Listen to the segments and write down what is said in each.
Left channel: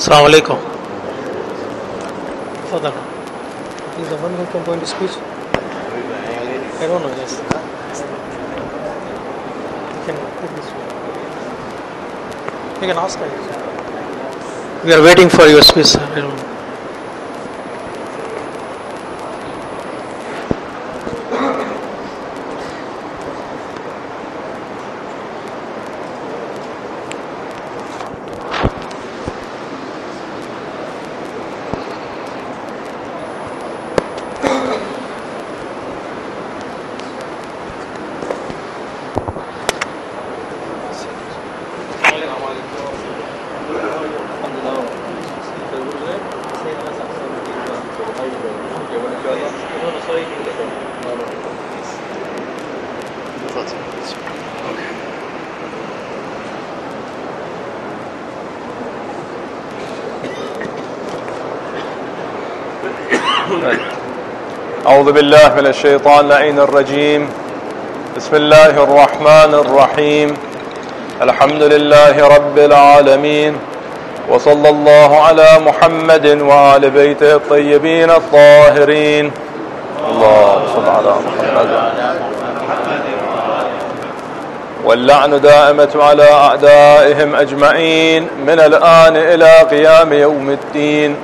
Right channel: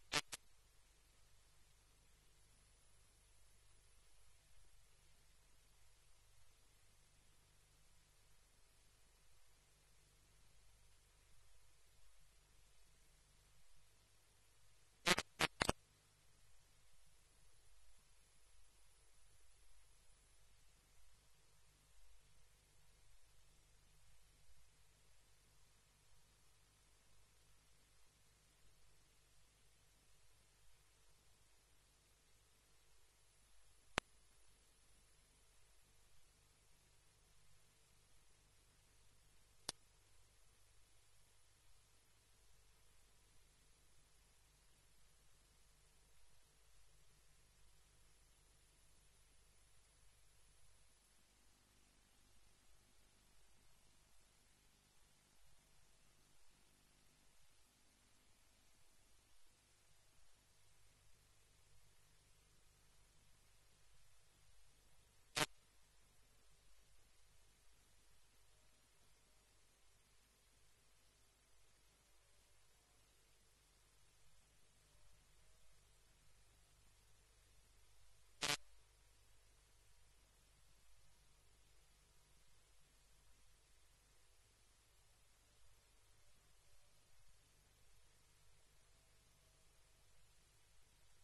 Assalamu alaikum. Fadal. He's the one who can go into speech. I don't know, yes. You can take this one. You can ask her. We are waiting for your speech, sir. I don't know. أعوذ بالله من الشيطان اللعين الرجيم. بسم الله الرحمن الرحيم. الحمد لله رب العالمين، وصلى الله على محمد وآل بيته الطيبين الطاهرين. اللهم صل على محمد. واللعن دائمة على أعدائهم أجمعين من الآن إلى قيام يوم الدين.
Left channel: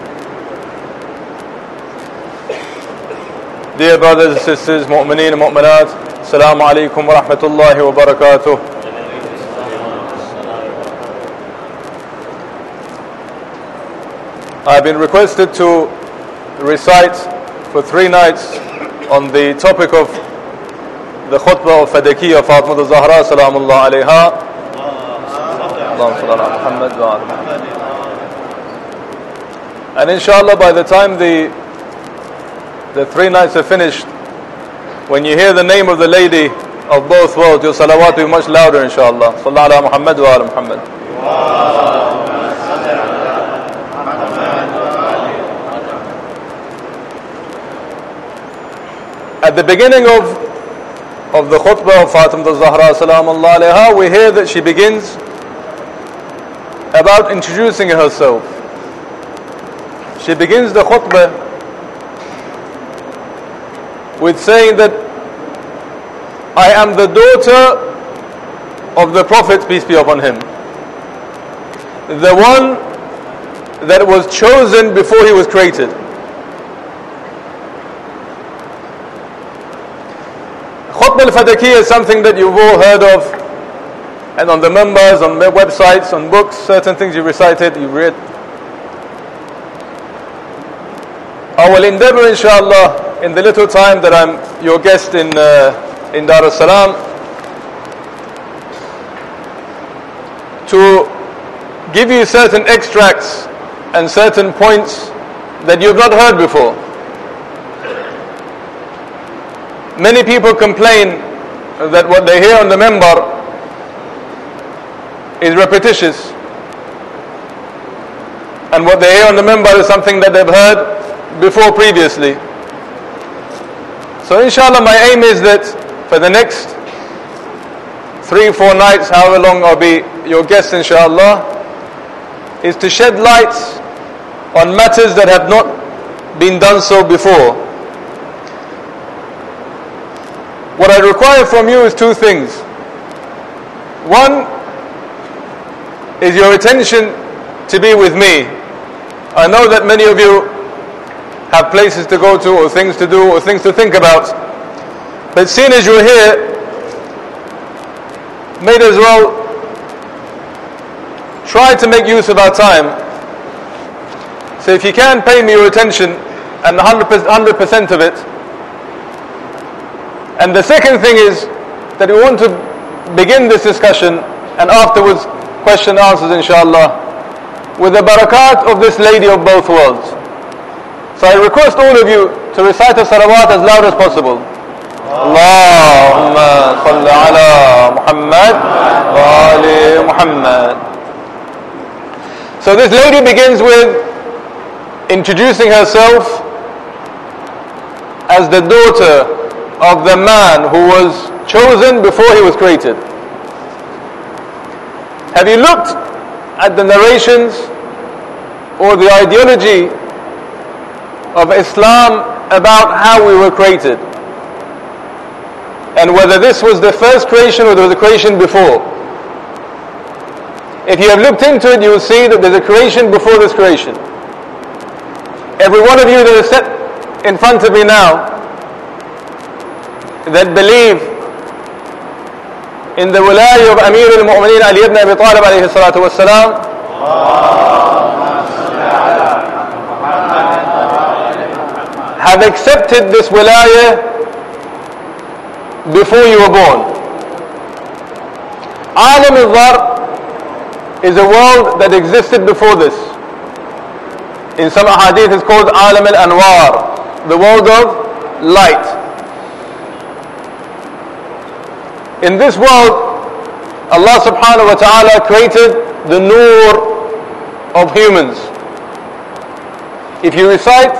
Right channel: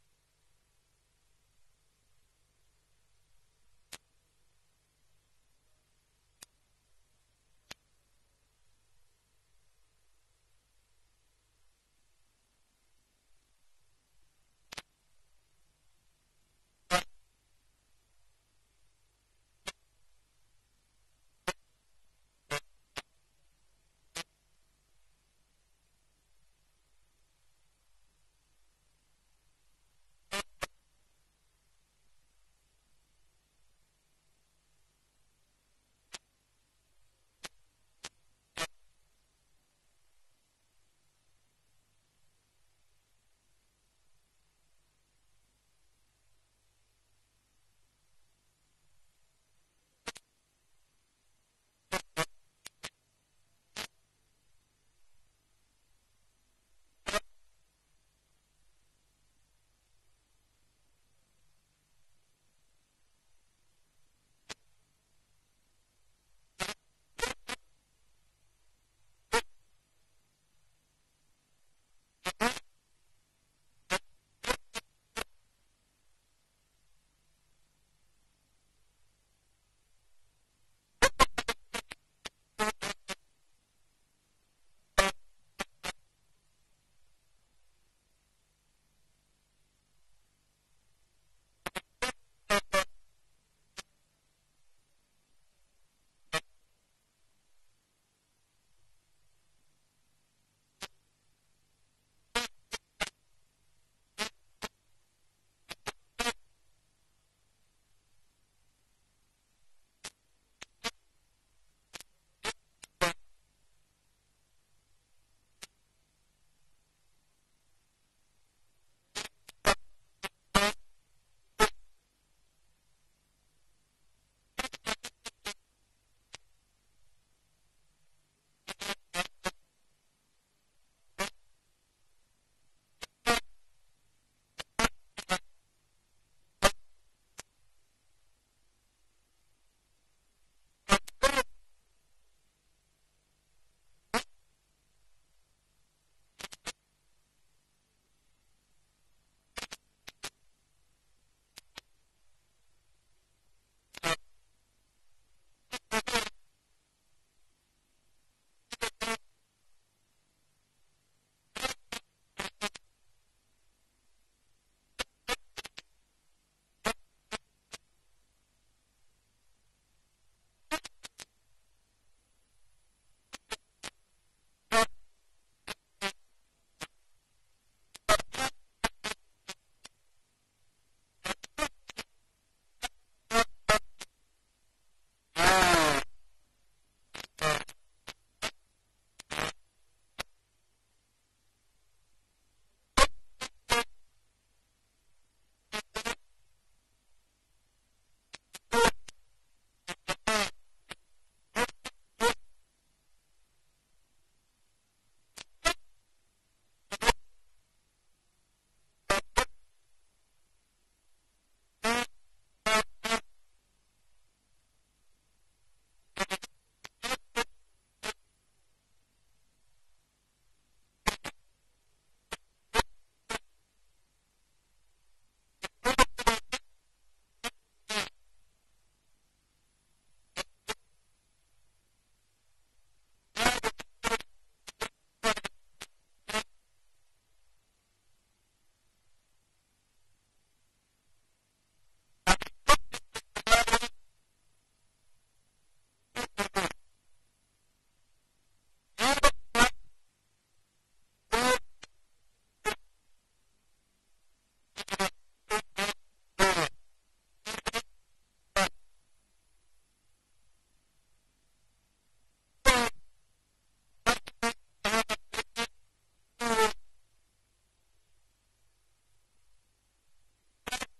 Dear brothers and sisters, mu'mineen and mu'minat, assalamu alaikum wa rahmatullahi wa barakatuh. I've been requested to recite for 3 nights on the topic of the khutbah of Fadakiya Fatima al-Zahra salamullah alayha. Allahumma salli ala Muhammad wa ala Muhammad. And inshallah, by the time the 3 nights are finished, when you hear the name of the lady of both worlds, your salawat will be much louder, inshallah. Sallallahu ala Muhammad wa ala Muhammad. At the beginning of the khutbah of Fatima al-Zahra salamullah alayha, we hear that she begins about introducing herself. She begins the khutbah with saying that I am the daughter of the Prophet, peace be upon him, the one that was chosen before he was created. Khutbah al-Fadakiya is something that you've all heard of, and on the members, on their websites, on books, certain things you recited, you read. I will endeavor, inshallah, in the little time that I'm your guest in Dar es Salaam, to give you certain extracts and certain points that you've not heard before. Many people complain that what they hear on the minbar is repetitious, and what they hear on the minbar is something that they've heard before previously. So inshallah, my aim is that for the next 3-4 nights, however long I'll be your guest inshallah, is to shed light on matters that have not been done so before. What I require from you is 2 things. One is your attention to be with me. I know that many of you have places to go to, or things to do, or things to think about. But seeing as you're here, may as well try to make use of our time. So if you can, pay me your attention, and 100% of it. And the second thing is that we want to begin this discussion, and afterwards question and answers inshallah, with the barakat of this lady of both worlds. So I request all of you to recite the salawat as loud as possible. Allahumma salli ala Muhammad wa ali Muhammad. So this lady begins with introducing herself as the daughter of the man who was chosen before he was created. Have you looked at the narrations or the ideology of Islam about how we were created, and whether this was the first creation or there was a creation before. If you have looked into it, you will see that there's a creation before this creation. Every one of you that is set in front of me now that believe in the wilayah of Amir al-Mu'mineen Ali ibn Abi Talib alayhi salatu wassalam, have accepted this wilayah before you were born. Alam al-Dhar is a world that existed before this. In some hadith it's called Alam al-Anwar, the world of light. In this world, Allah subhanahu wa ta'ala created the nur of humans. If you recite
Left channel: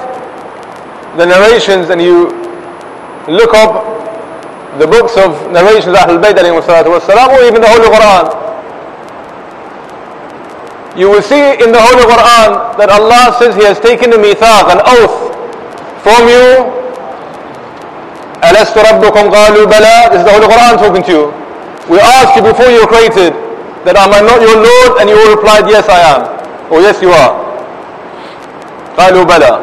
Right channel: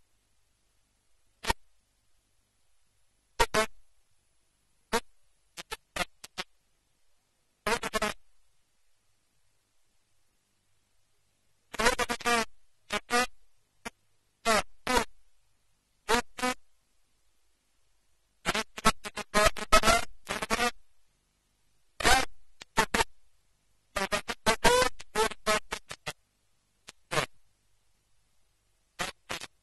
the narrations and you look up the books of narrations of Ahlul Bayt alayhi salatu wassalam, or even the Holy Quran, you will see in the Holy Quran that Allah says He has taken a mithaq, an oath from you. أَلَسْتُ رَبُّكُمْ قَالُوا بَلَى. This is the Holy Quran talking to you. We asked you before you were created that am I not your Lord? And you all replied, yes I am, or yes you are. قَالُوا بَلَى.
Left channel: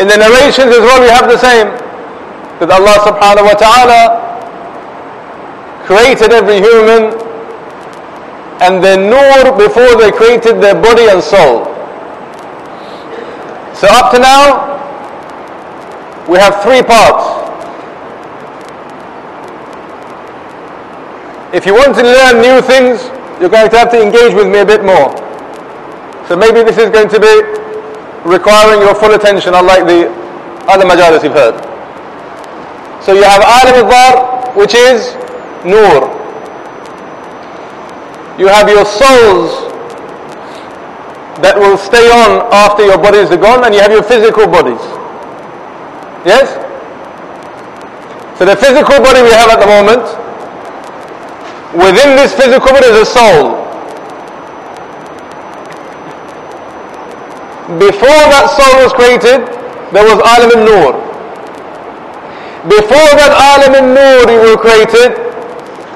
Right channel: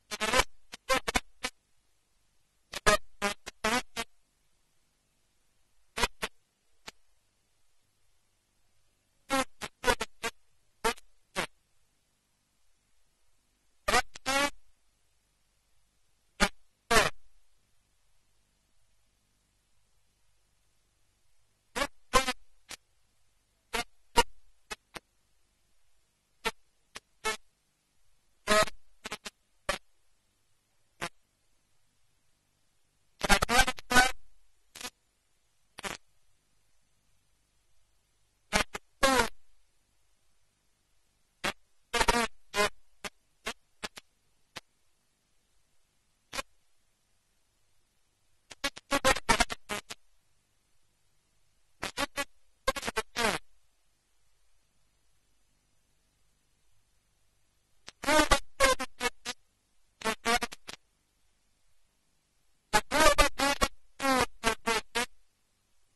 In the narrations as well we have the same, that Allah subhanahu wa ta'ala created every human and their nur before they created their body and soul. So up to now we have three parts. If you want to learn new things, you're going to have to engage with me a bit more. So maybe this is going to be requiring your full attention, unlike the other majalis you've heard. So you have Alam al-Dhar, which is Nur. You have your souls that will stay on after your bodies are gone, and you have your physical bodies. Yes? So the physical body we have at the moment, within this physical body is a soul. Before that soul was created, there was Alam al-Nur. Before that Alam al-Nur were created,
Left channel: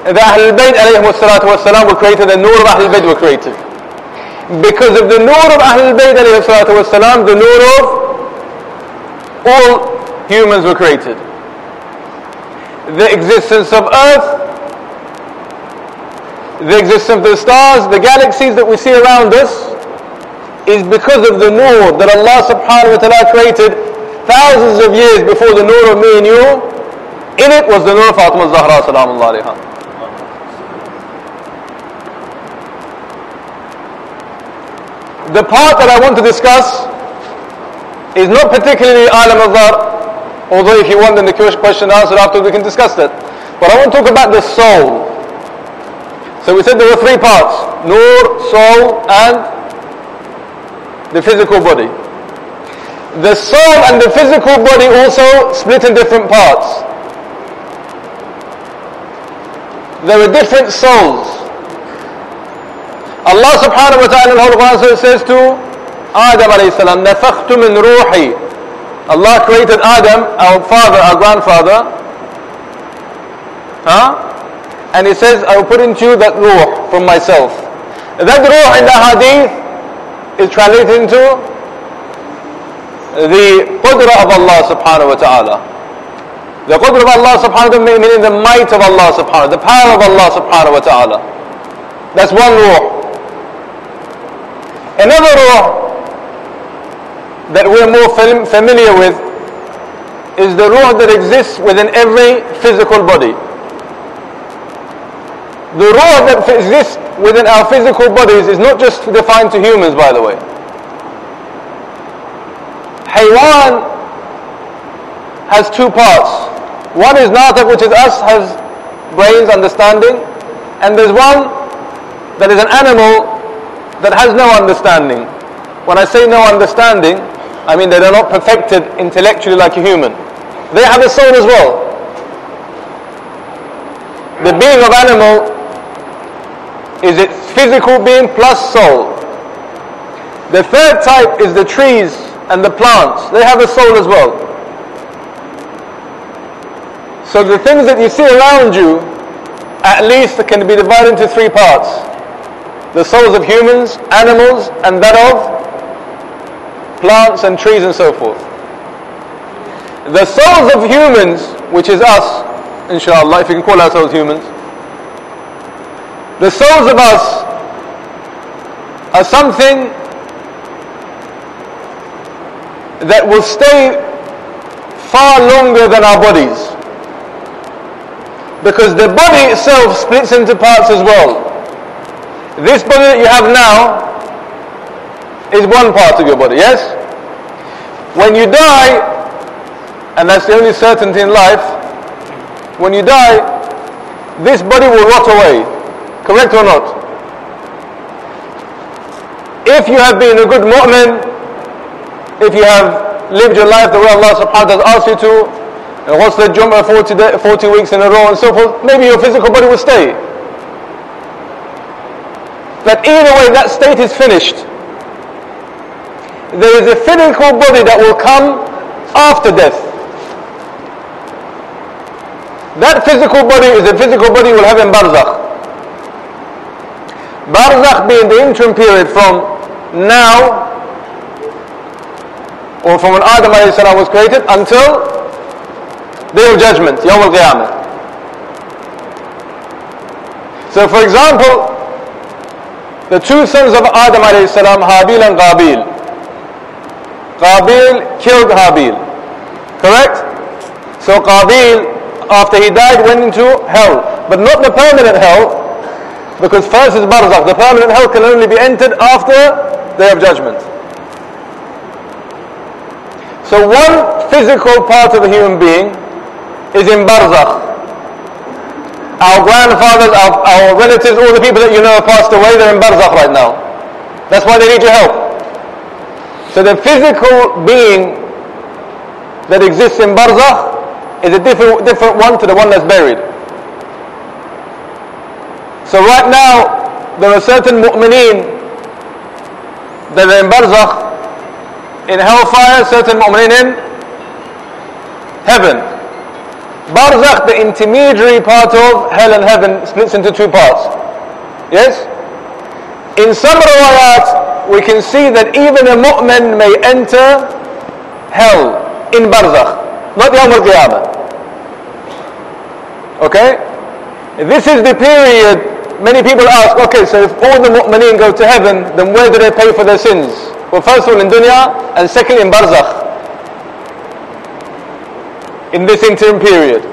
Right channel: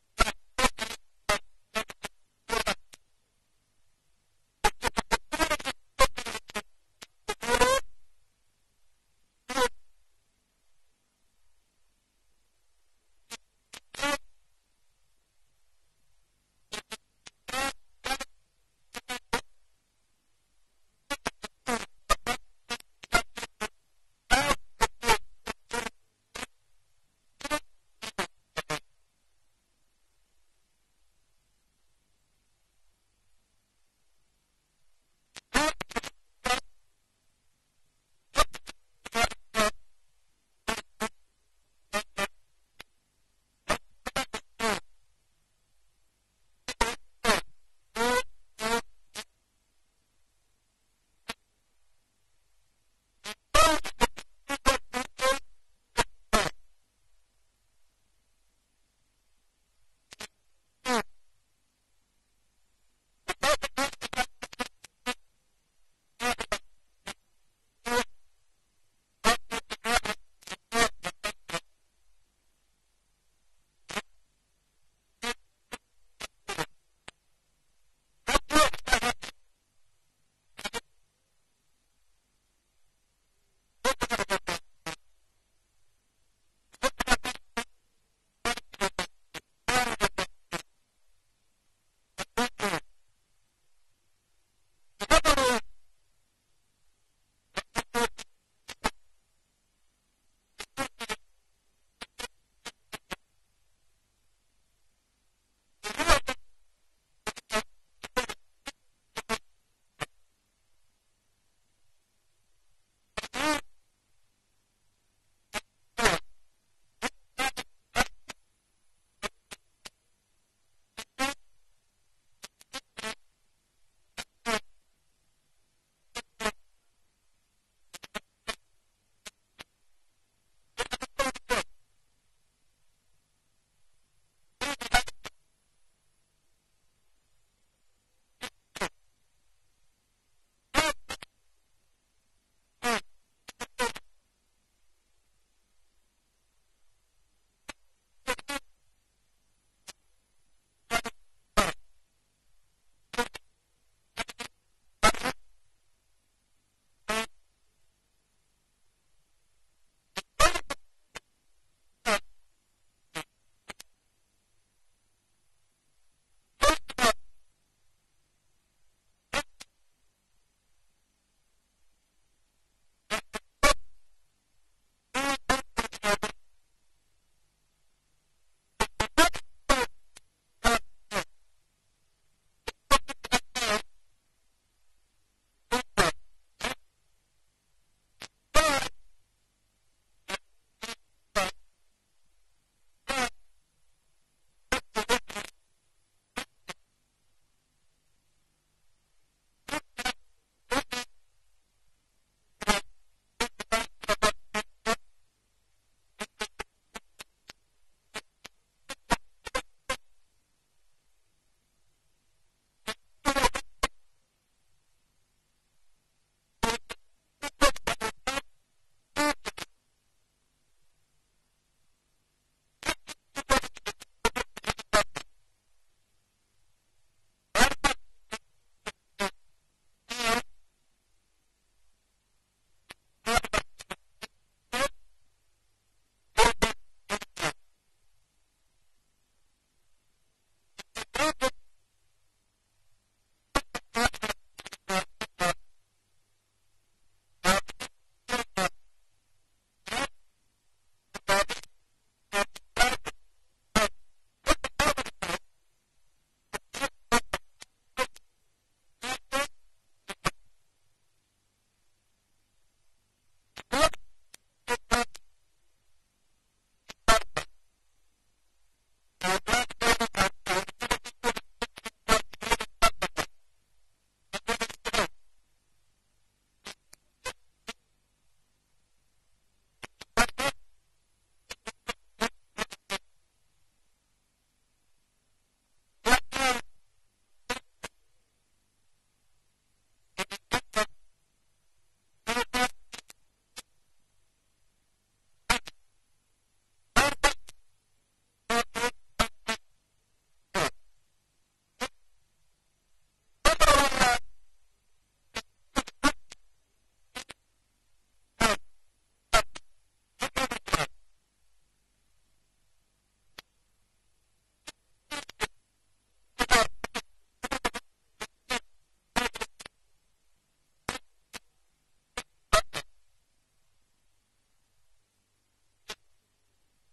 the Ahlul Bayt alayhim salatu wassalam were created, the Nur of Ahlul Bayt were created. Because of the Nur of Ahlul Bayt alayhim salatu wassalam, the Nur of all humans were created. The existence of earth, the existence of the stars, the galaxies that we see around us, is because of the nur that Allah subhanahu wa ta'ala created thousands of years before the nur of me and you. In it was the nur of Fatima Zahra salamullah alayha. The part that I want to discuss is not particularly Alam al-Dhar, although if you want then the question answered after we can discuss that. But I want to talk about the soul. So we said there were three parts: Nur, soul and the physical body. The soul and the physical body also split in different parts. There are different souls. Allah subhanahu wa ta'ala in the Holy Quran says to Adam alayhi salam, نَفَخْتُ مِنْ رُوحِي. Allah created Adam, our father, our grandfather. And He says, I will put into you that ruh from myself. That ruh in the hadith is translated into the qudra of Allah subhanahu wa ta'ala. The qudra of Allah subhanahu wa ta'ala meaning the might of Allah subhanahu wa ta'ala, the power of Allah subhanahu wa ta'ala. That's one ruh. Another ruh that we're more familiar with is the ruh that exists within every physical body. The ruh that exists within our physical bodies is not just defined to humans, by the way. Haywan has two parts. One is natiq, which is us, has brains, understanding, and there's one that is an animal that has no understanding. When I say no understanding, I mean they're not perfected intellectually like a human. They have a soul as well. The being of animal is its physical being plus soul. The third type is the trees and the plants. They have a soul as well. So the things that you see around you, at least can be divided into three parts. The souls of humans, animals, and that of plants and trees and so forth. The souls of humans, which is us, inshallah, if we can call ourselves humans, the souls of us are something that will stay far longer than our bodies, because the body itself splits into parts as well. This body that you have now is one part of your body, yes? When you die, and that's the only certainty in life, when you die, this body will rot away, correct or not? If you have been a good mu'min, if you have lived your life the way Allah subhanahu wa ta'ala asked you to, and what's the Jum'ah 40 weeks in a row and so forth, maybe your physical body will stay. But either way, that state is finished. There is a physical body that will come after death. That physical body is a physical body you will have in barzakh. Barzakh being the interim period from now, or from when Adam a.s. was created, until Day of Judgment, Yawm al-Qiyamah. So for example, the two sons of Adam a.s., Habil and Qabil. Qabil killed Habil, correct? So Qabil, after he died, went into hell, but not the permanent hell, because first is barzakh. The permanent hell can only be entered after Day of Judgment. So one physical part of a human being is in barzakh. Our grandfathers, our relatives, all the people that you know have passed away, they're in barzakh right now. That's why they need your help. So the physical being that exists in barzakh is a different one to the one that's buried. So right now, there are certain mu'mineen that are in barzakh, in hellfire, certain mu'mineen in heaven. Barzakh, the intermediary part of hell and heaven, splits into two parts. Yes? In some riwayat, we can see that even a mu'min may enter hell in barzakh, not Yawm al-Qiyamah. Okay? This is the period. Many people ask, okay, so if all the mu'mineen go to heaven, then where do they pay for their sins? Well, first of all in dunya, and secondly in barzakh, in this interim period.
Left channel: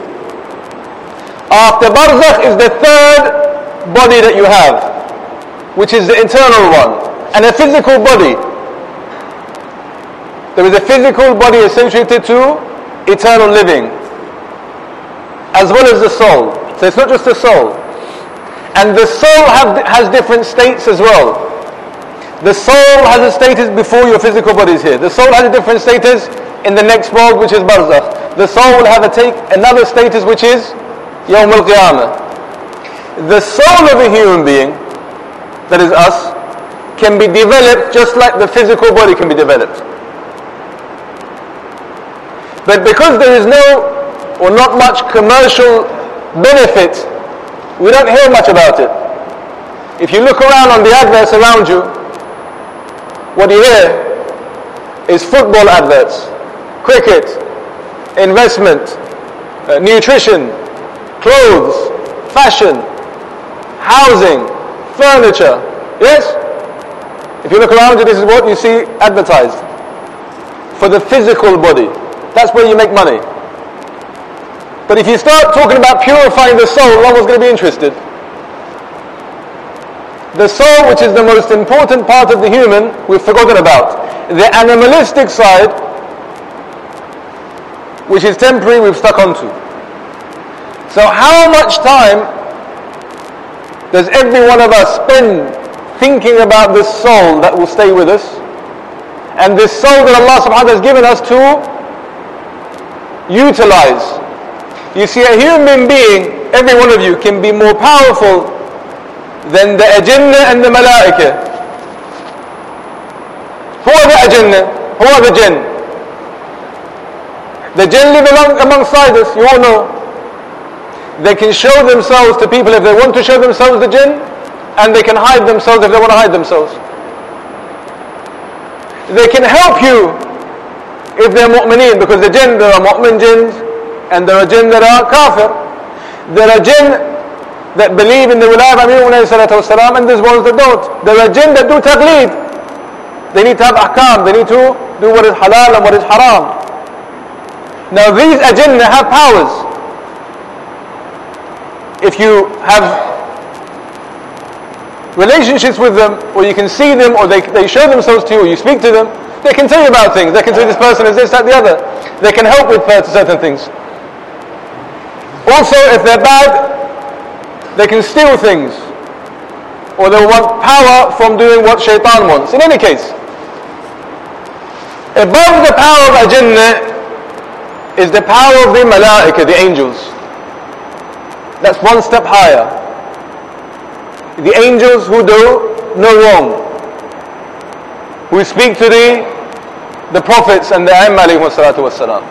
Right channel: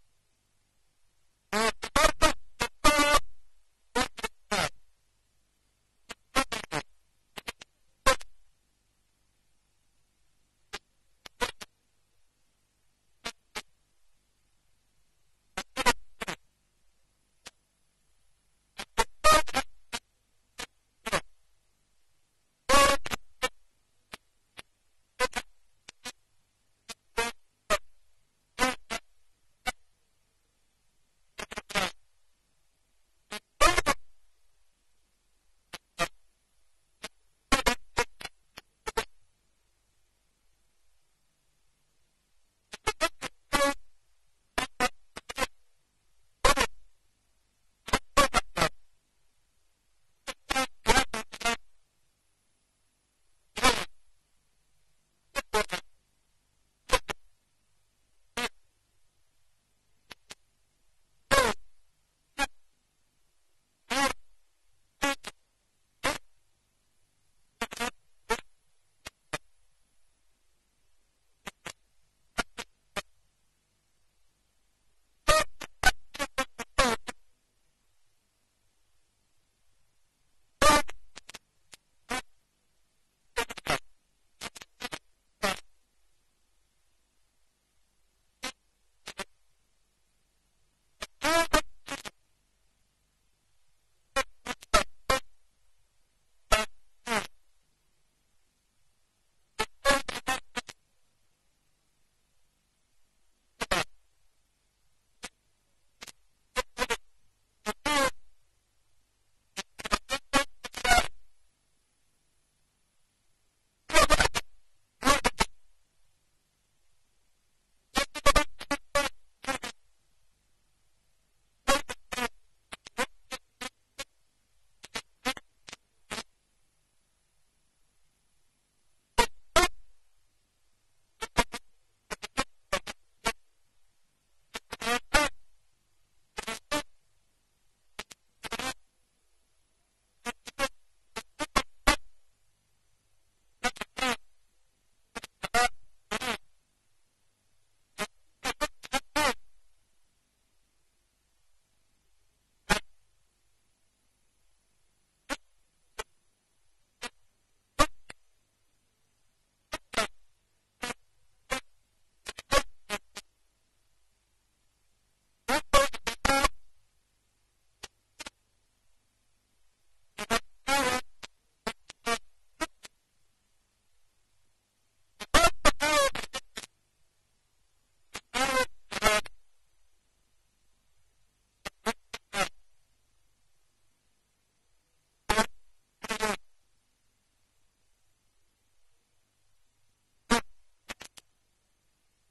After barzakh is the third body that you have, which is the internal one, and a physical body. There is a physical body associated to eternal living, as well as the soul. So it's not just the soul. And the soul has different states as well. The soul has a status before your physical body is here. The soul has a different status in the next world, which is barzakh. The soul will have another status, which is Yawm al-Qiyamah. The soul of a human being, that is us, can be developed just like the physical body can be developed. But because there is no or not much commercial benefit, we don't hear much about it. If you look around on the adverts around you, what you hear is football adverts, cricket, investment, nutrition, clothes, fashion, housing, furniture. Yes? If you look around you, this is what you see advertised. For the physical body. That's where you make money. But if you start talking about purifying the soul, no one's going to be interested. The soul, which is the most important part of the human, we've forgotten about. The animalistic side, which is temporary, we've stuck onto. So how much time does every one of us spend thinking about this soul that will stay with us, and this soul that Allah subhanahu wa ta'ala has given us to utilize? You see, a human being, every one of you, can be more powerful than the ajinna and the malaika. Who are the ajinn? Who are the jinn? The jinn live alongside us, you all know. They can show themselves to people if they want to show themselves, the jinn, and they can hide themselves if they want to hide themselves. They can help you if they're mu'mineen, because the jinn, there are mu'min jinns, and there are jinn that are kafir. There are jinn that believe in the wilayah of Amir alayhi salatu wasalam, and there's ones that don't. There are jinn that do taqleed. They need to have ahkam, they need to do what is halal and what is haram. Now these ajinn have powers. If you have relationships with them, or you can see them, or they show themselves to you, or you speak to them, they can tell you about things. They can tell you this person is this, that, the other. They can help with certain things. Also, if they're bad, they can steal things, or they want power from doing what shaitan wants. In any case, above the power of ajinn is the power of the malaika, the angels. That's one step higher. The angels who do no wrong, who speak to the prophets and the Aimma alayhi salatu wassalam.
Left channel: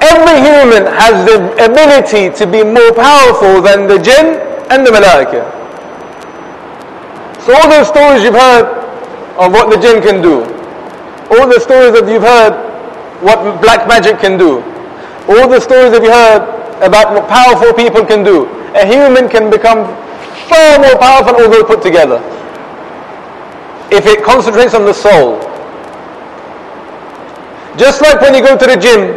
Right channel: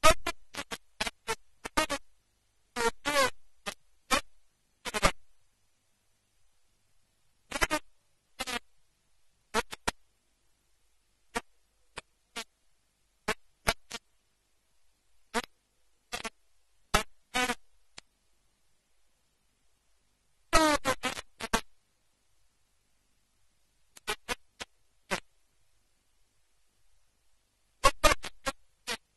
Every human has the ability to be more powerful than the jinn and the malaika. So all those stories you've heard of what the jinn can do, all the stories that you've heard what black magic can do, all the stories that you heard about what powerful people can do, a human can become far more powerful all those put together if it concentrates on the soul. Just like when you go to the gym,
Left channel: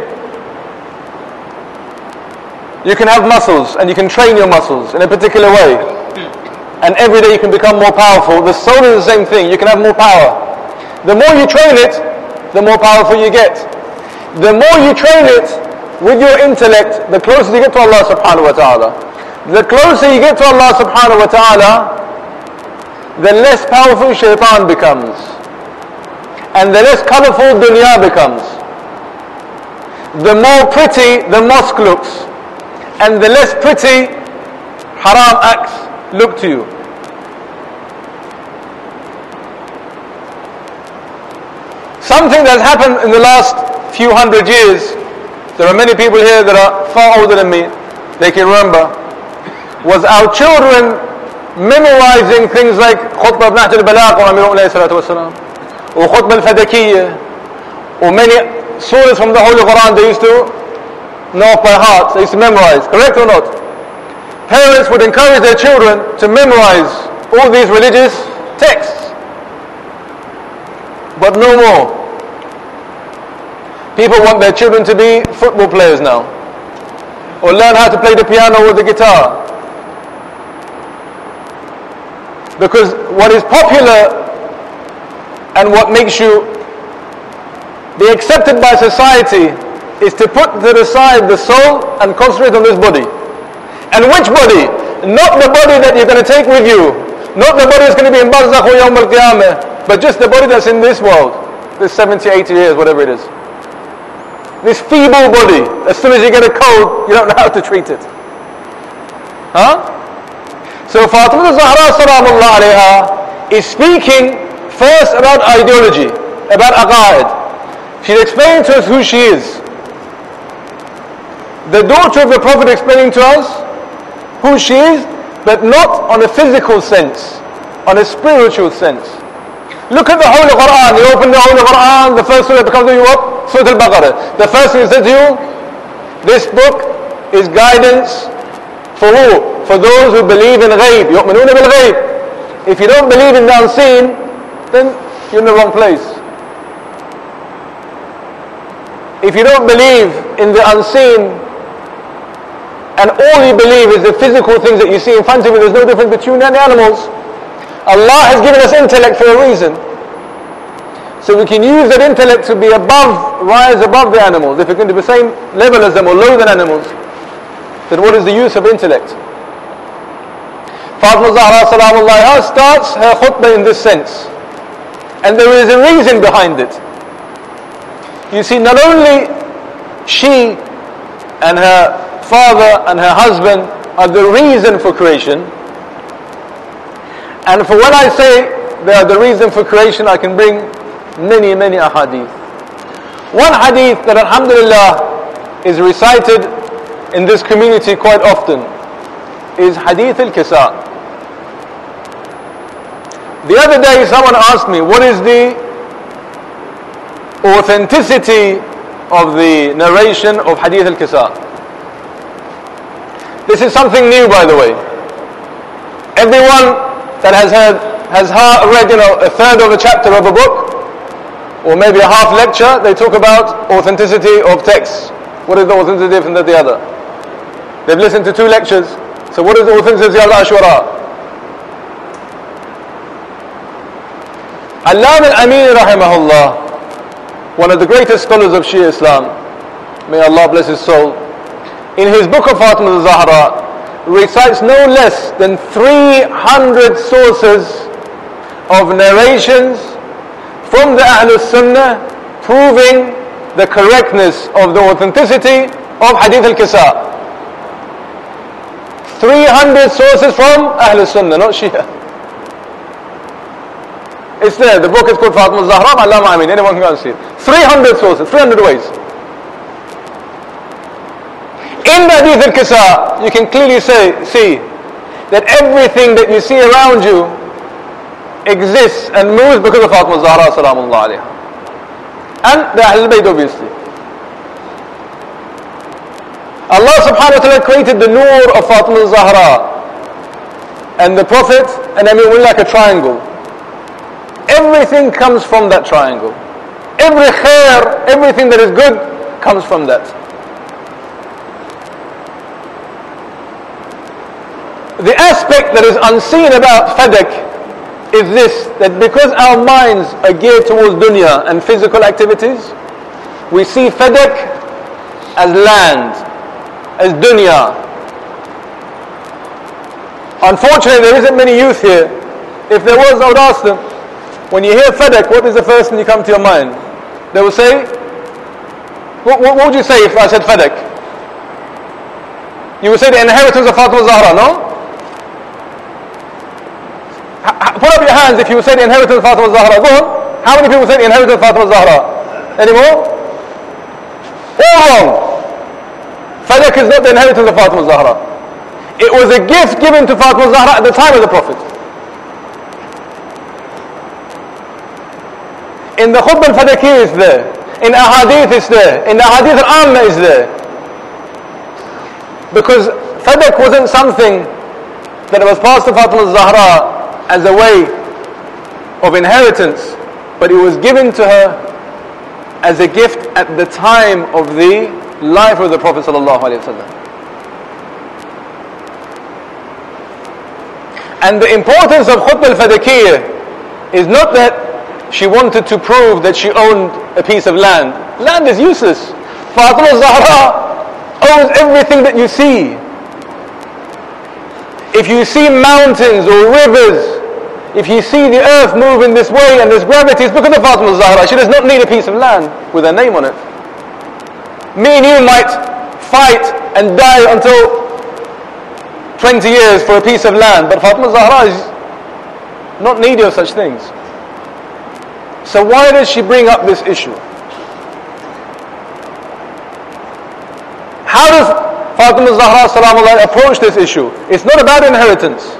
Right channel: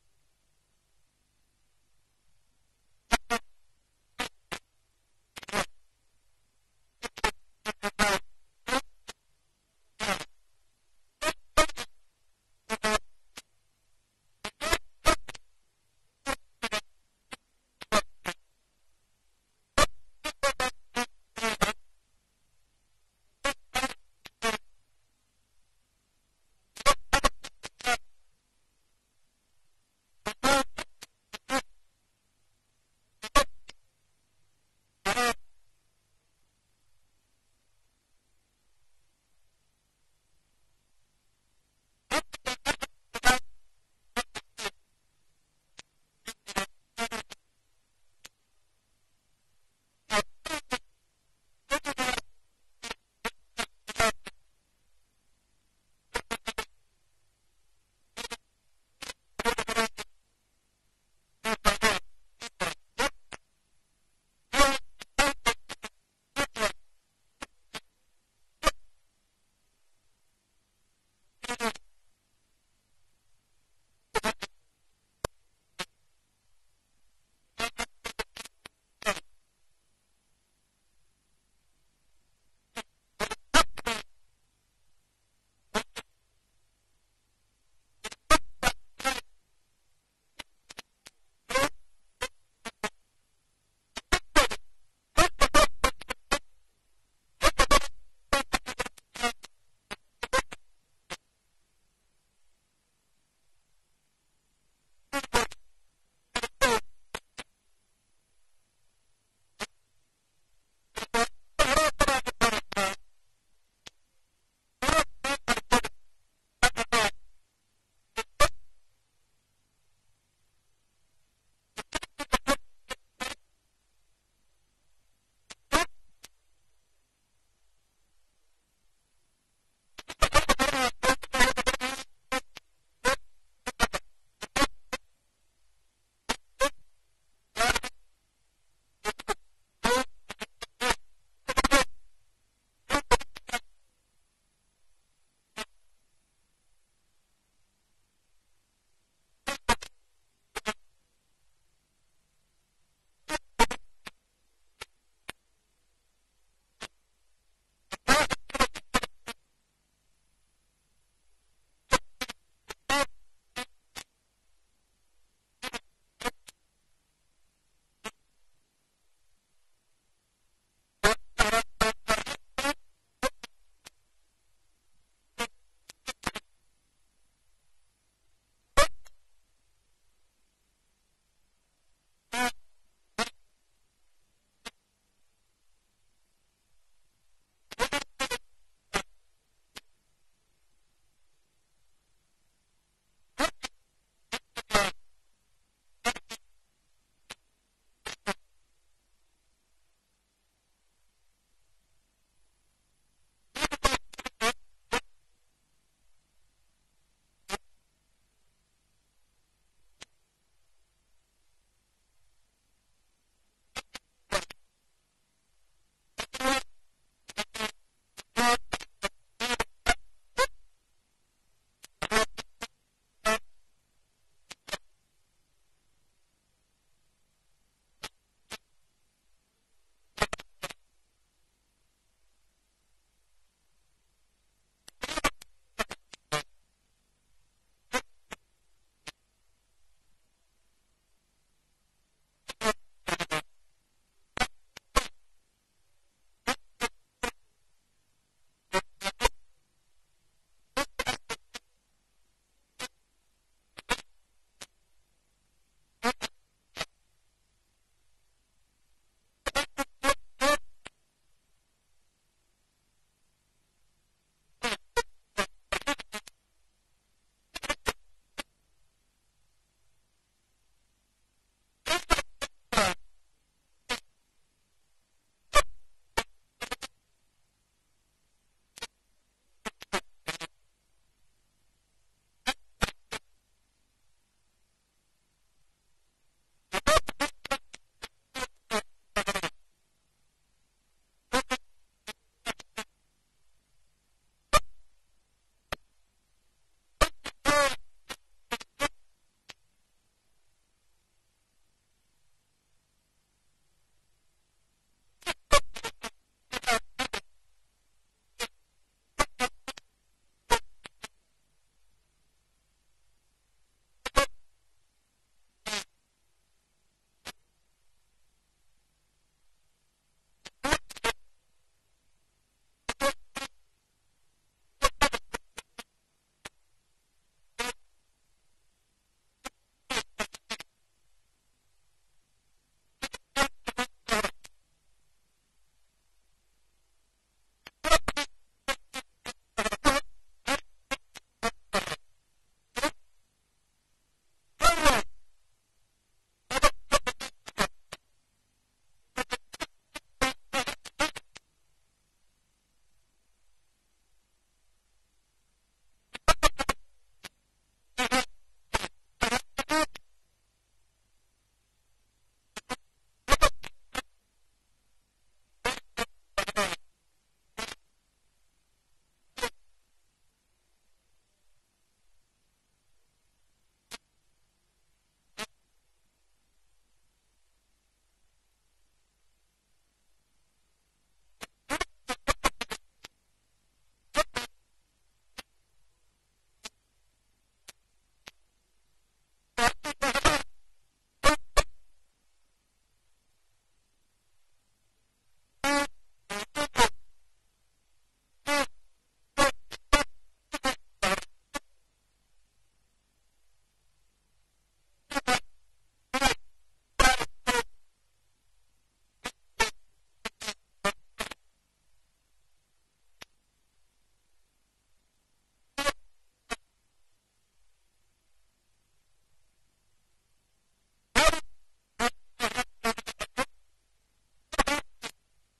you can have muscles and you can train your muscles in a particular way, and every day you can become more powerful. The soul is the same thing. You can have more power. The more you train it, the more powerful you get. The more you train it with your intellect, the closer you get to Allah subhanahu wa ta'ala. The closer you get to Allah subhanahu wa ta'ala, the less powerful shaitan becomes, and the less colourful dunya becomes. The more pretty the mosque looks, and the less pretty haram acts look to you. Something that's happened in the last few hundred years, there are many people here that are far older than me, they can remember, was our children memorizing things like Khutbah of Nahj al-Balagh of Amir alayhi salatu wasalam, or Khutbah al-Fadakiya, or many surahs from the Holy Quran they used to know off by heart, they used to memorize, correct or not? Parents would encourage their children to memorize all these religious texts, but no more. People want their children to be football players now, or learn how to play the piano or the guitar. Because what is popular and what makes you be accepted by society is to put to the side the soul and concentrate on this body. And which body? Not the body that you're going to take with you, not the body that's going to be in Barzakh or Yawm al-Qiyamah, but just the body that's in this world, this 70, 80 years, whatever it is. This feeble body, as soon as you get a cold, you don't know how to treat it. Huh? So Fatima Zahra Salamullah alayha is speaking first about ideology, about aqaid. She's explaining to us who she is. The daughter of the Prophet explaining to us who she is, but not on a physical sense, on a spiritual sense. Look at the Holy Quran. You open the Holy Quran, the first surah that becomes to you what? Surah Al-Baqarah. The first thing it says to you, this book is guidance for who? For those who believe in ghaib. يُؤْمِنُونَ بِالْغَيْبِ. If you don't believe in the unseen, then you're in the wrong place. If you don't believe in the unseen, and all you believe is the physical things that you see in front of you, there's no difference between you and the animals. Allah has given us intellect for a reason. So we can use that intellect to be above, rise above the animals. If we're going to be the same level as them or lower than animals, then what is the use of intellect? Fatima Zahra Salamullah starts her khutbah in this sense. And there is a reason behind it. You see, not only she and her father and her husband are the reason for creation, and for when I say they are the reason for creation, I can bring many ahadith. One hadith that alhamdulillah is recited in this community quite often is hadith al-kisa. The other day someone asked me, what is the authenticity of the narration of hadith al-kisa? This is something new, by the way. Everyone that has read a third of a chapter of a book, or maybe a half lecture, they talk about authenticity of texts. What is the authenticity from the other? They've listened to 2 lectures, so what is the authenticity of al-ashwara? Allama al-Amin rahimahullah, one of the greatest scholars of Shia Islam, may Allah bless his soul, in his book of Fatima al-Zahra, recites no less than 300 sources of narrations from the Ahlul Sunnah proving the correctness of the authenticity of Hadith al-Kisa. 300 sources from Ahlul Sunnah, not Shia. It's there. The book is called Fatima al-Zahra, Allama Amin. Anyone can go and see it. 300 sources, 300 ways. In the Hadith al-Kisa, you can clearly see that everything that you see around you exists and moves because of Fatima al-Zahra salamullah alayha. And the Ahlul Bayt, obviously. Allah subhanahu wa ta'ala created the nur of Fatima al-Zahra and the Prophet, and we're like a triangle. Everything comes from that triangle. Every khair, everything that is good comes from that. The aspect that is unseen about Fadak is this, that because our minds are geared towards dunya and physical activities, we see Fadak as land, as dunya. Unfortunately, there isn't many youth here. If there was, I would ask them, when you hear Fadak, what is the first thing that comes to your mind? They will say, what would you say if I said Fadak? You would say the inheritance of Fatima al-Zahra, no? Put up your hands if you would say the inheritance of Fatima al-Zahra. Go on. How many people say the inheritance of Fatima al-Zahra? Any more? All wrong. Fadak is not the inheritance of Fatima al-Zahra. It was a gift given to Fatima al-Zahra at the time of the Prophet. In the Khutbah al-Fadakiya is there. In ahadith is there. In the ahadith al-amma is there. Because Fadak wasn't something that was passed to Fatima al-Zahra as a way of inheritance, but it was given to her as a gift at the time of the life of the Prophet sallallahu alaihi wasallam. And the importance of Khutbah al-Fadakiya is not that she wanted to prove that she owned a piece of land. Land is useless. Fatima al-Zahra owns everything that you see. If you see mountains or rivers, if you see the earth move in this way and there's gravity, it's because of Fatima al-Zahra. She does not need a piece of land with her name on it. Me and you might fight and die until 20 years for a piece of land, but Fatima al-Zahra is not needy of such things. So why does she bring up this issue? How does Fatima al-Zahra salamullah approach this issue? It's not about inheritance.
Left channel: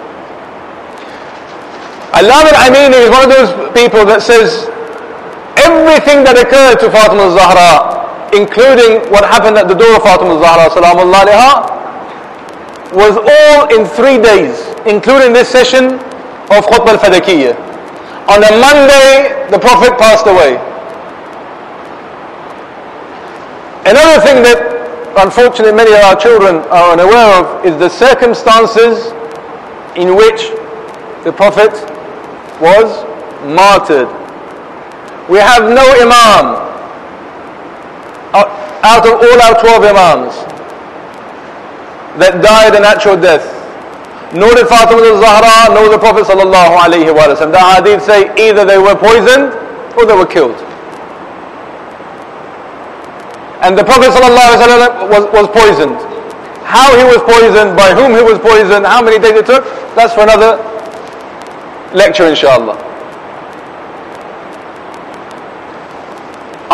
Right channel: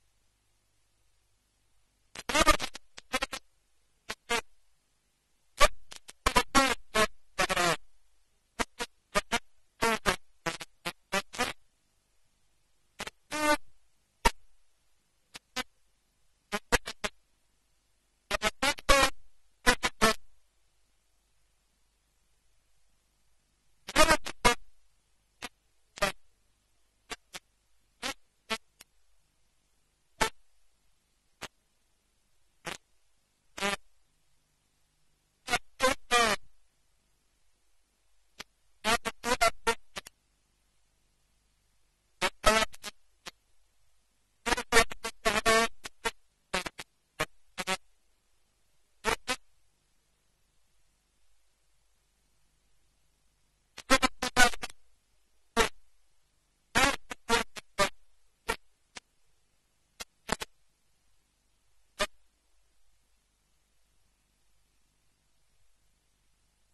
Allama al-Amini is one of those people that says everything that occurred to Fatima al-Zahra, including what happened at the door of Fatima al-Zahra salamullah alayha, was all in 3 days, including this session of Khutbah al-Fadakiya. On a Monday, the Prophet passed away. Another thing that unfortunately many of our children are unaware of is the circumstances in which the Prophet was martyred. We have no Imam out of all our 12 Imams that died a natural death. Nor did Fatima al-Zahra, nor the Prophet sallallahu alayhi wa sallam. The hadith say either they were poisoned or they were killed. And the Prophet ﷺ was poisoned. How he was poisoned, by whom he was poisoned, how many days it took, that's for another lecture inshallah.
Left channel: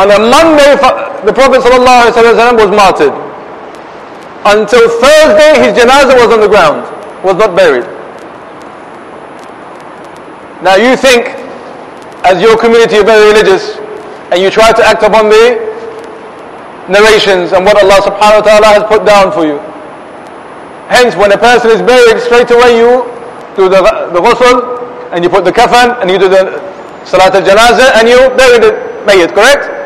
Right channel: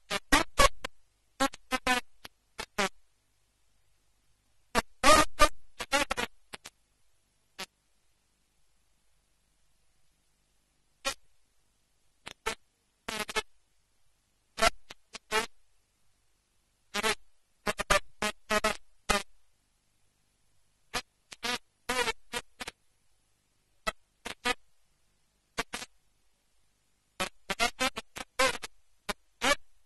On a Monday, the Prophet ﷺ was martyred. Until Thursday, his janazah was on the ground, was not buried. Now you think, as your community are very religious, and you try to act upon the narrations and what Allah subhanahu wa ta'ala has put down for you. Hence, when a person is buried, straight away you do the ghusl, and you put the kafan, and you do the salat al-janazah, and you bury the mayyit, correct?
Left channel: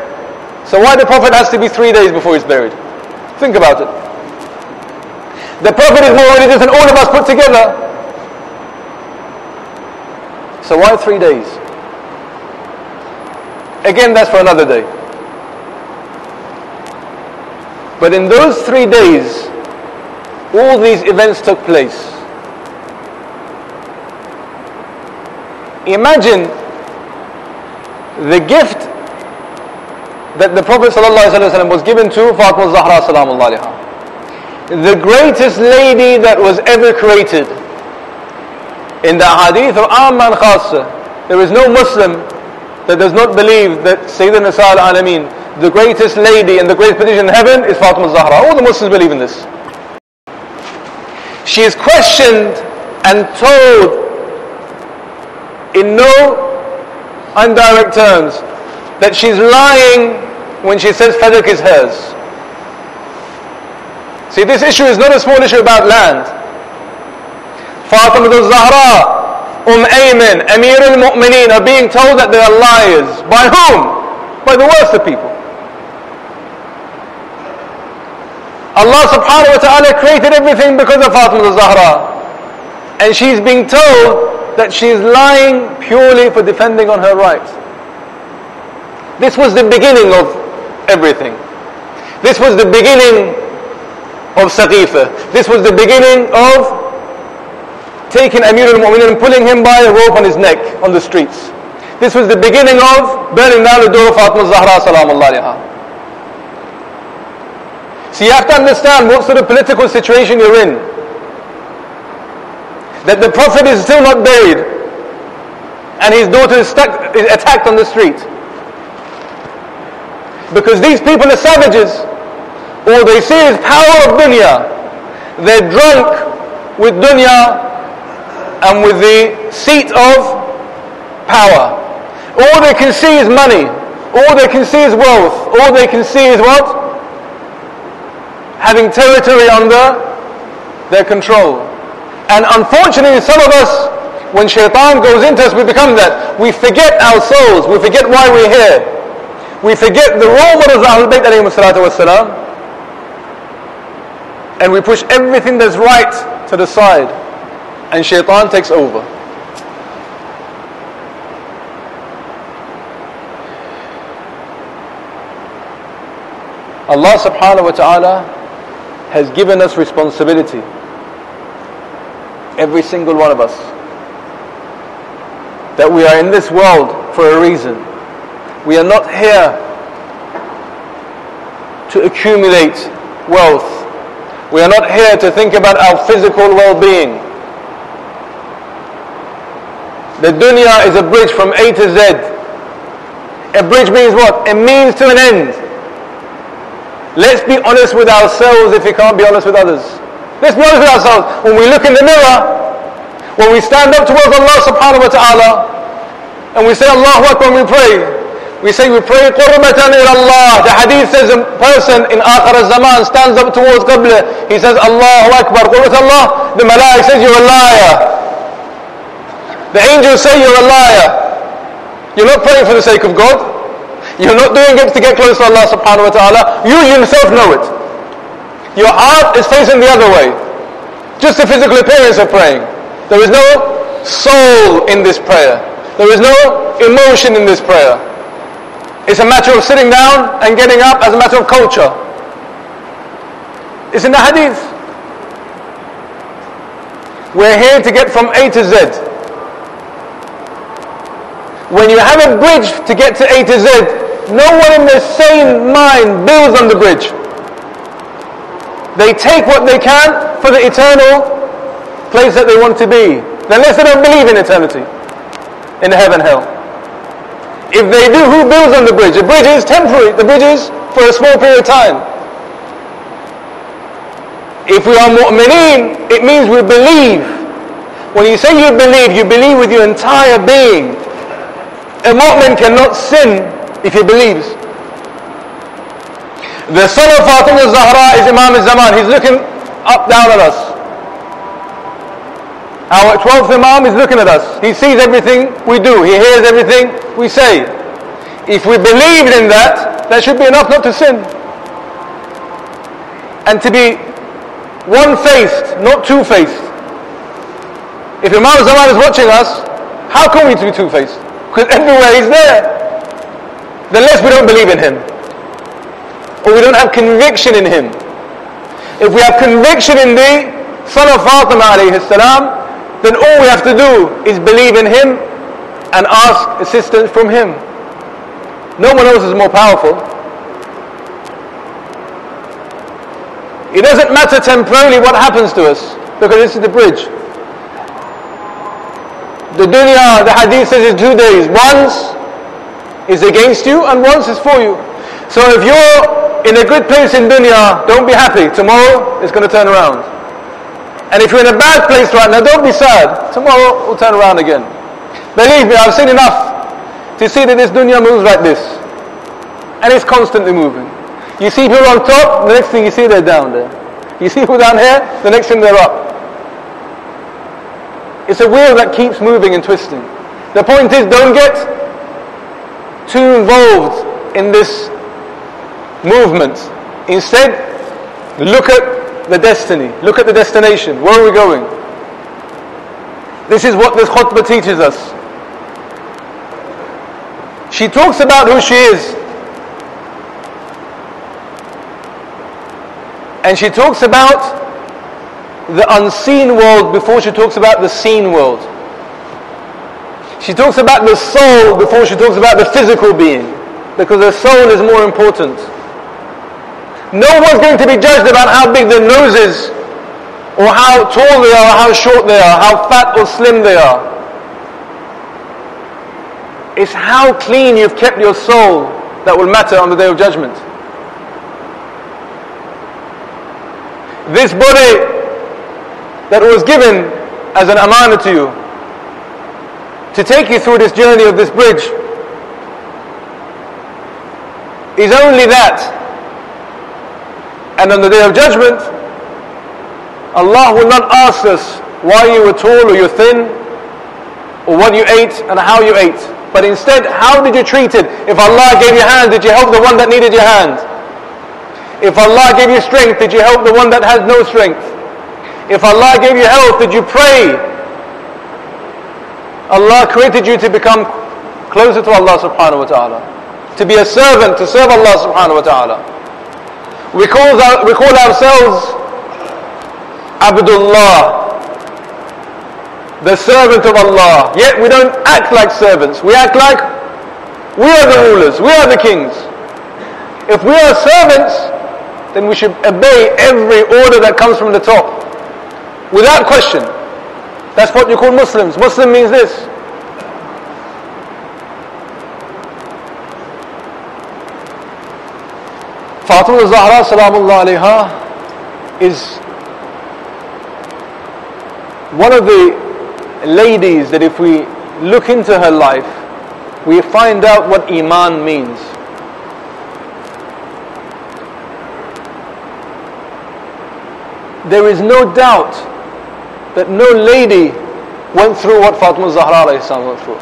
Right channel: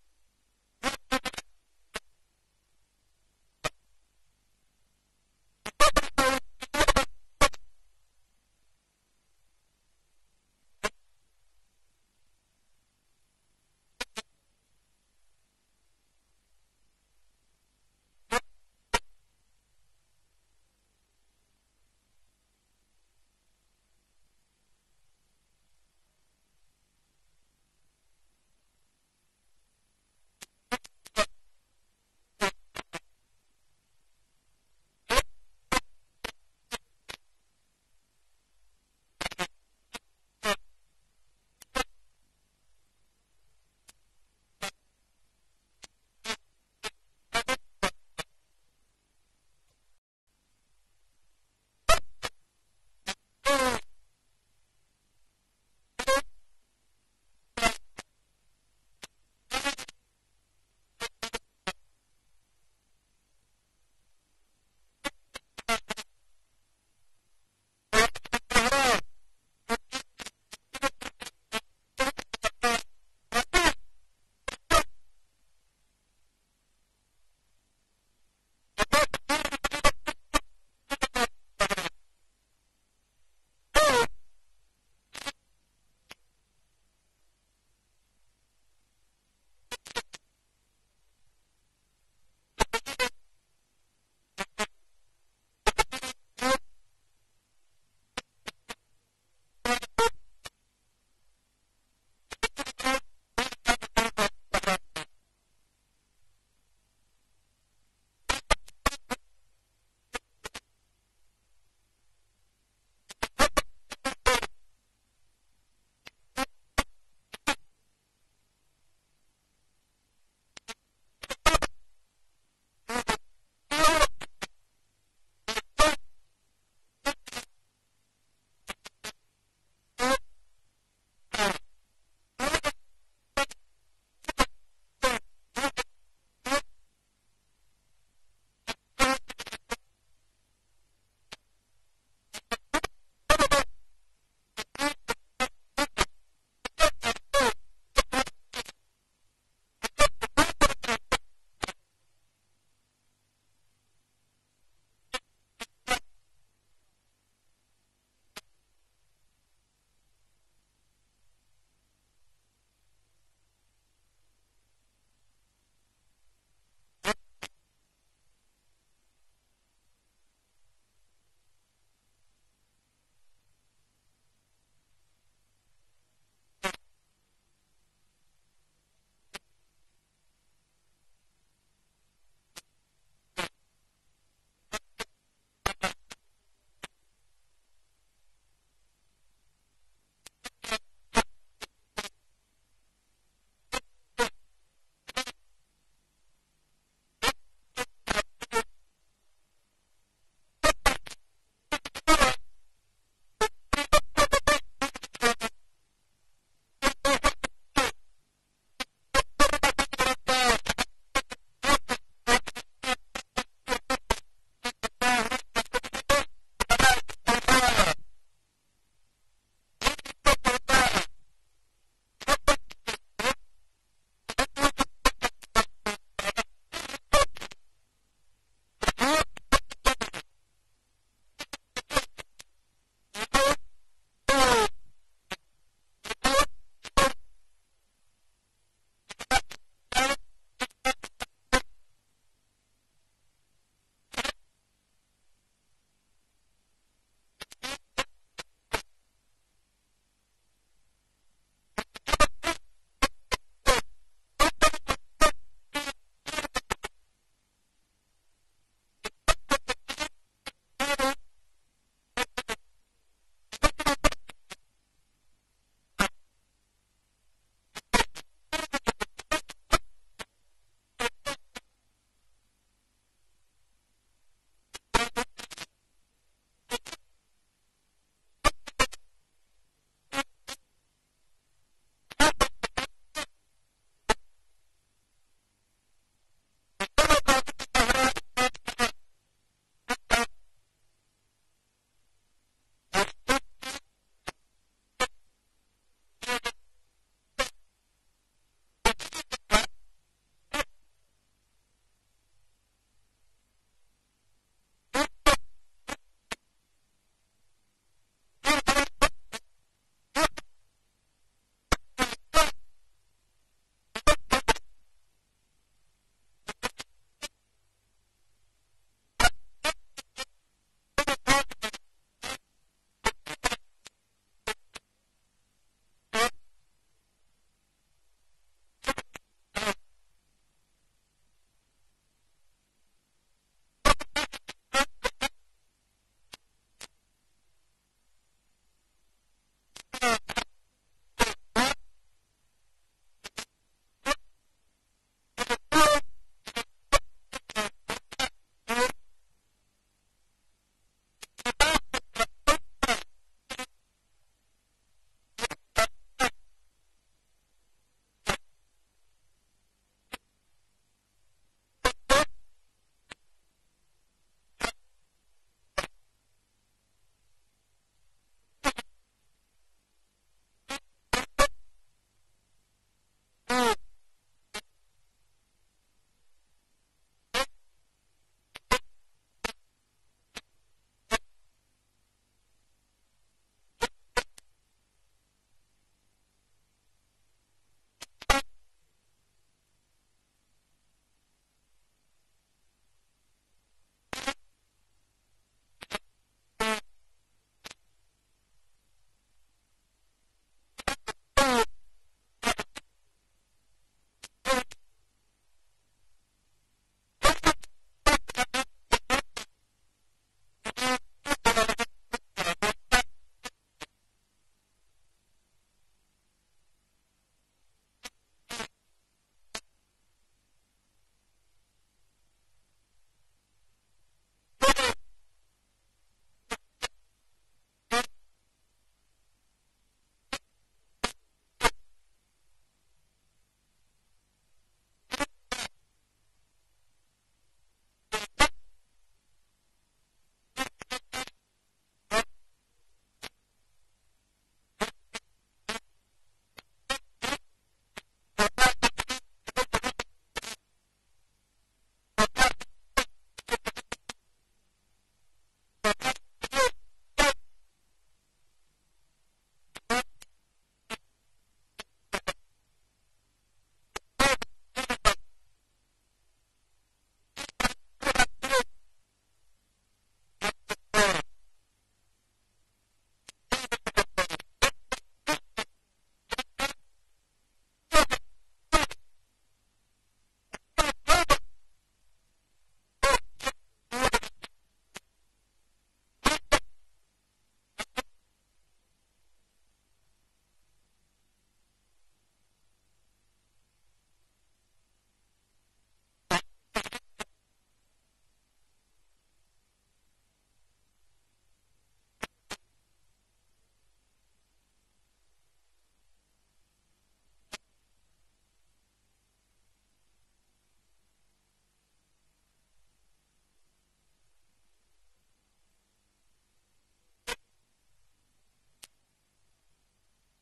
So why the Prophet has to be 3 days before he's buried? Think about it. The Prophet is more religious than all of us put together. So why 3 days? Again, that's for another day. But in those 3 days, all these events took place. Imagine the gift that the Prophet ﷺ was given to Fatima Zahra salamullah alayha. The greatest lady that was ever created. In the hadith of Amma and Khassa, there is no Muslim that does not believe that Sayyidina Nisa al-Alameen, the greatest lady and the greatest position in heaven, is Fatima Zahra. All the Muslims believe in this. She is questioned and told in no indirect terms that she's lying when she says Fadak is hers. See, this issue is not a small issue about land. Fatima al-Zahra, Ayman, Amir al-Mu'mineen are being told that they are liars. By whom? By the worst of people. Allah subhanahu wa ta'ala created everything because of Fatima al-Zahra. And she's being told that she's lying purely for defending on her right. This was the beginning of everything. This was the beginning of Saqifa. This was the beginning of taking Amir al-Mu'mineen and pulling him by a rope on his neck on the streets. This was the beginning of burning down the door of Fatima al-Zahra salamullah alayha. So you have to understand what sort of political situation you're in. That the Prophet is still not buried and his daughter is attacked on the street. Because these people are savages. All they see is power of dunya. They're drunk with dunya and with the seat of power. All they can see is money. All they can see is wealth. All they can see is what? Having territory under their control. And unfortunately, some of us, when shaitan goes into us, we become that. We forget our souls. We forget why we're here. We forget the role models of Ahlul Bayt alayhi salatu wassalam. And we push everything that's right to the side. And shaitan takes over. Allah subhanahu wa ta'ala has given us responsibility. Every single one of us. That we are in this world for a reason. We are not here to accumulate wealth. We are not here to think about our physical well-being. The dunya is a bridge from A to Z. A bridge means what? A means to an end. Let's be honest with ourselves if we can't be honest with others. Let's be honest with ourselves. When we look in the mirror, when we stand up towards Allah subhanahu wa ta'ala, and we say Allahu Akbar when we pray, we pray qurbatan ila Allah. The hadith says a person in akhir al-zaman stands up towards Qibla. He says Allahu Akbar, qurbat Allah. The malaik says you're a liar. The angels say you're a liar. You're not praying for the sake of God. You're not doing it to get close to Allah subhanahu wa ta'ala. You yourself know it. Your heart is facing the other way. Just the physical appearance of praying. There is no soul in this prayer. There is no emotion in this prayer. It's a matter of sitting down and getting up as a matter of culture. It's in the hadith. We're here to get from A to Z. When you have a bridge to get to A to Z, no one in their sane mind builds on the bridge. They take what they can for the eternal place that they want to be. Unless they don't believe in eternity, in heaven, hell. If they do, who builds on the bridge? The bridge is temporary. The bridge is for a small period of time. If we are mu'mineen, it means we believe. When you say you believe with your entire being. A mu'min cannot sin if he believes. The son of Fatima al-Zahra is Imam al-Zaman. He's looking up down at us. Our 12th Imam is looking at us. He sees everything we do. He hears everything we say. If we believed in that, that should be enough not to sin. And to be one-faced, not two-faced. If Imam al-Zaman is watching us, how can we be two-faced? Because everywhere he's there. The less we don't believe in him. Or we don't have conviction in him. If we have conviction in the son of Fatima alayhi salam, then all we have to do is believe in him and ask assistance from him. No one else is more powerful. It doesn't matter temporarily what happens to us, because this is the bridge. The dunya, the hadith says, is 2 days. Once is against you and once is for you. So if you're in a good place in dunya, don't be happy. Tomorrow it's going to turn around. And if you're in a bad place right now, don't be sad. Tomorrow it will turn around again. Believe me, I've seen enough to see that this dunya moves like this. And it's constantly moving. You see people on top, the next thing you see they're down there. You see people down here, the next thing they're up. It's a wheel that keeps moving and twisting. The point is, don't get too involved in this movement. Instead, look at the destiny. Look at the destination. Where are we going? This is what this khutbah teaches us. She talks about who she is. And she talks about the unseen world before she talks about the seen world. She talks about the soul before she talks about the physical being, because the soul is more important. No one's going to be judged about how big their nose is, or how tall they are, or how short they are, how fat or slim they are. It's how clean you've kept your soul that will matter on the Day of Judgment. This body that was given as an amana to you, to take you through this journey of this bridge, is only that. And on the Day of Judgment, Allah will not ask us why you were tall or you're thin, or what you ate and how you ate. But instead, how did you treat it? If Allah gave you a hand, did you help the one that needed your hand? If Allah gave you strength, did you help the one that has no strength? If Allah gave you health, did you pray? Allah created you to become closer to Allah subhanahu wa ta'ala, to be a servant, to serve Allah subhanahu wa ta'ala. We call ourselves Abdullah, the servant of Allah. Yet we don't act like servants. We act like we are the rulers, we are the kings. If we are servants, then we should obey every order that comes from the top, without question. That's what you call Muslims. Muslim means this. Fatima al-Zahra salamullah alayha is one of the ladies that if we look into her life, we find out what Iman means. There is no doubt that no lady went through what Fatima al-Zahra went through.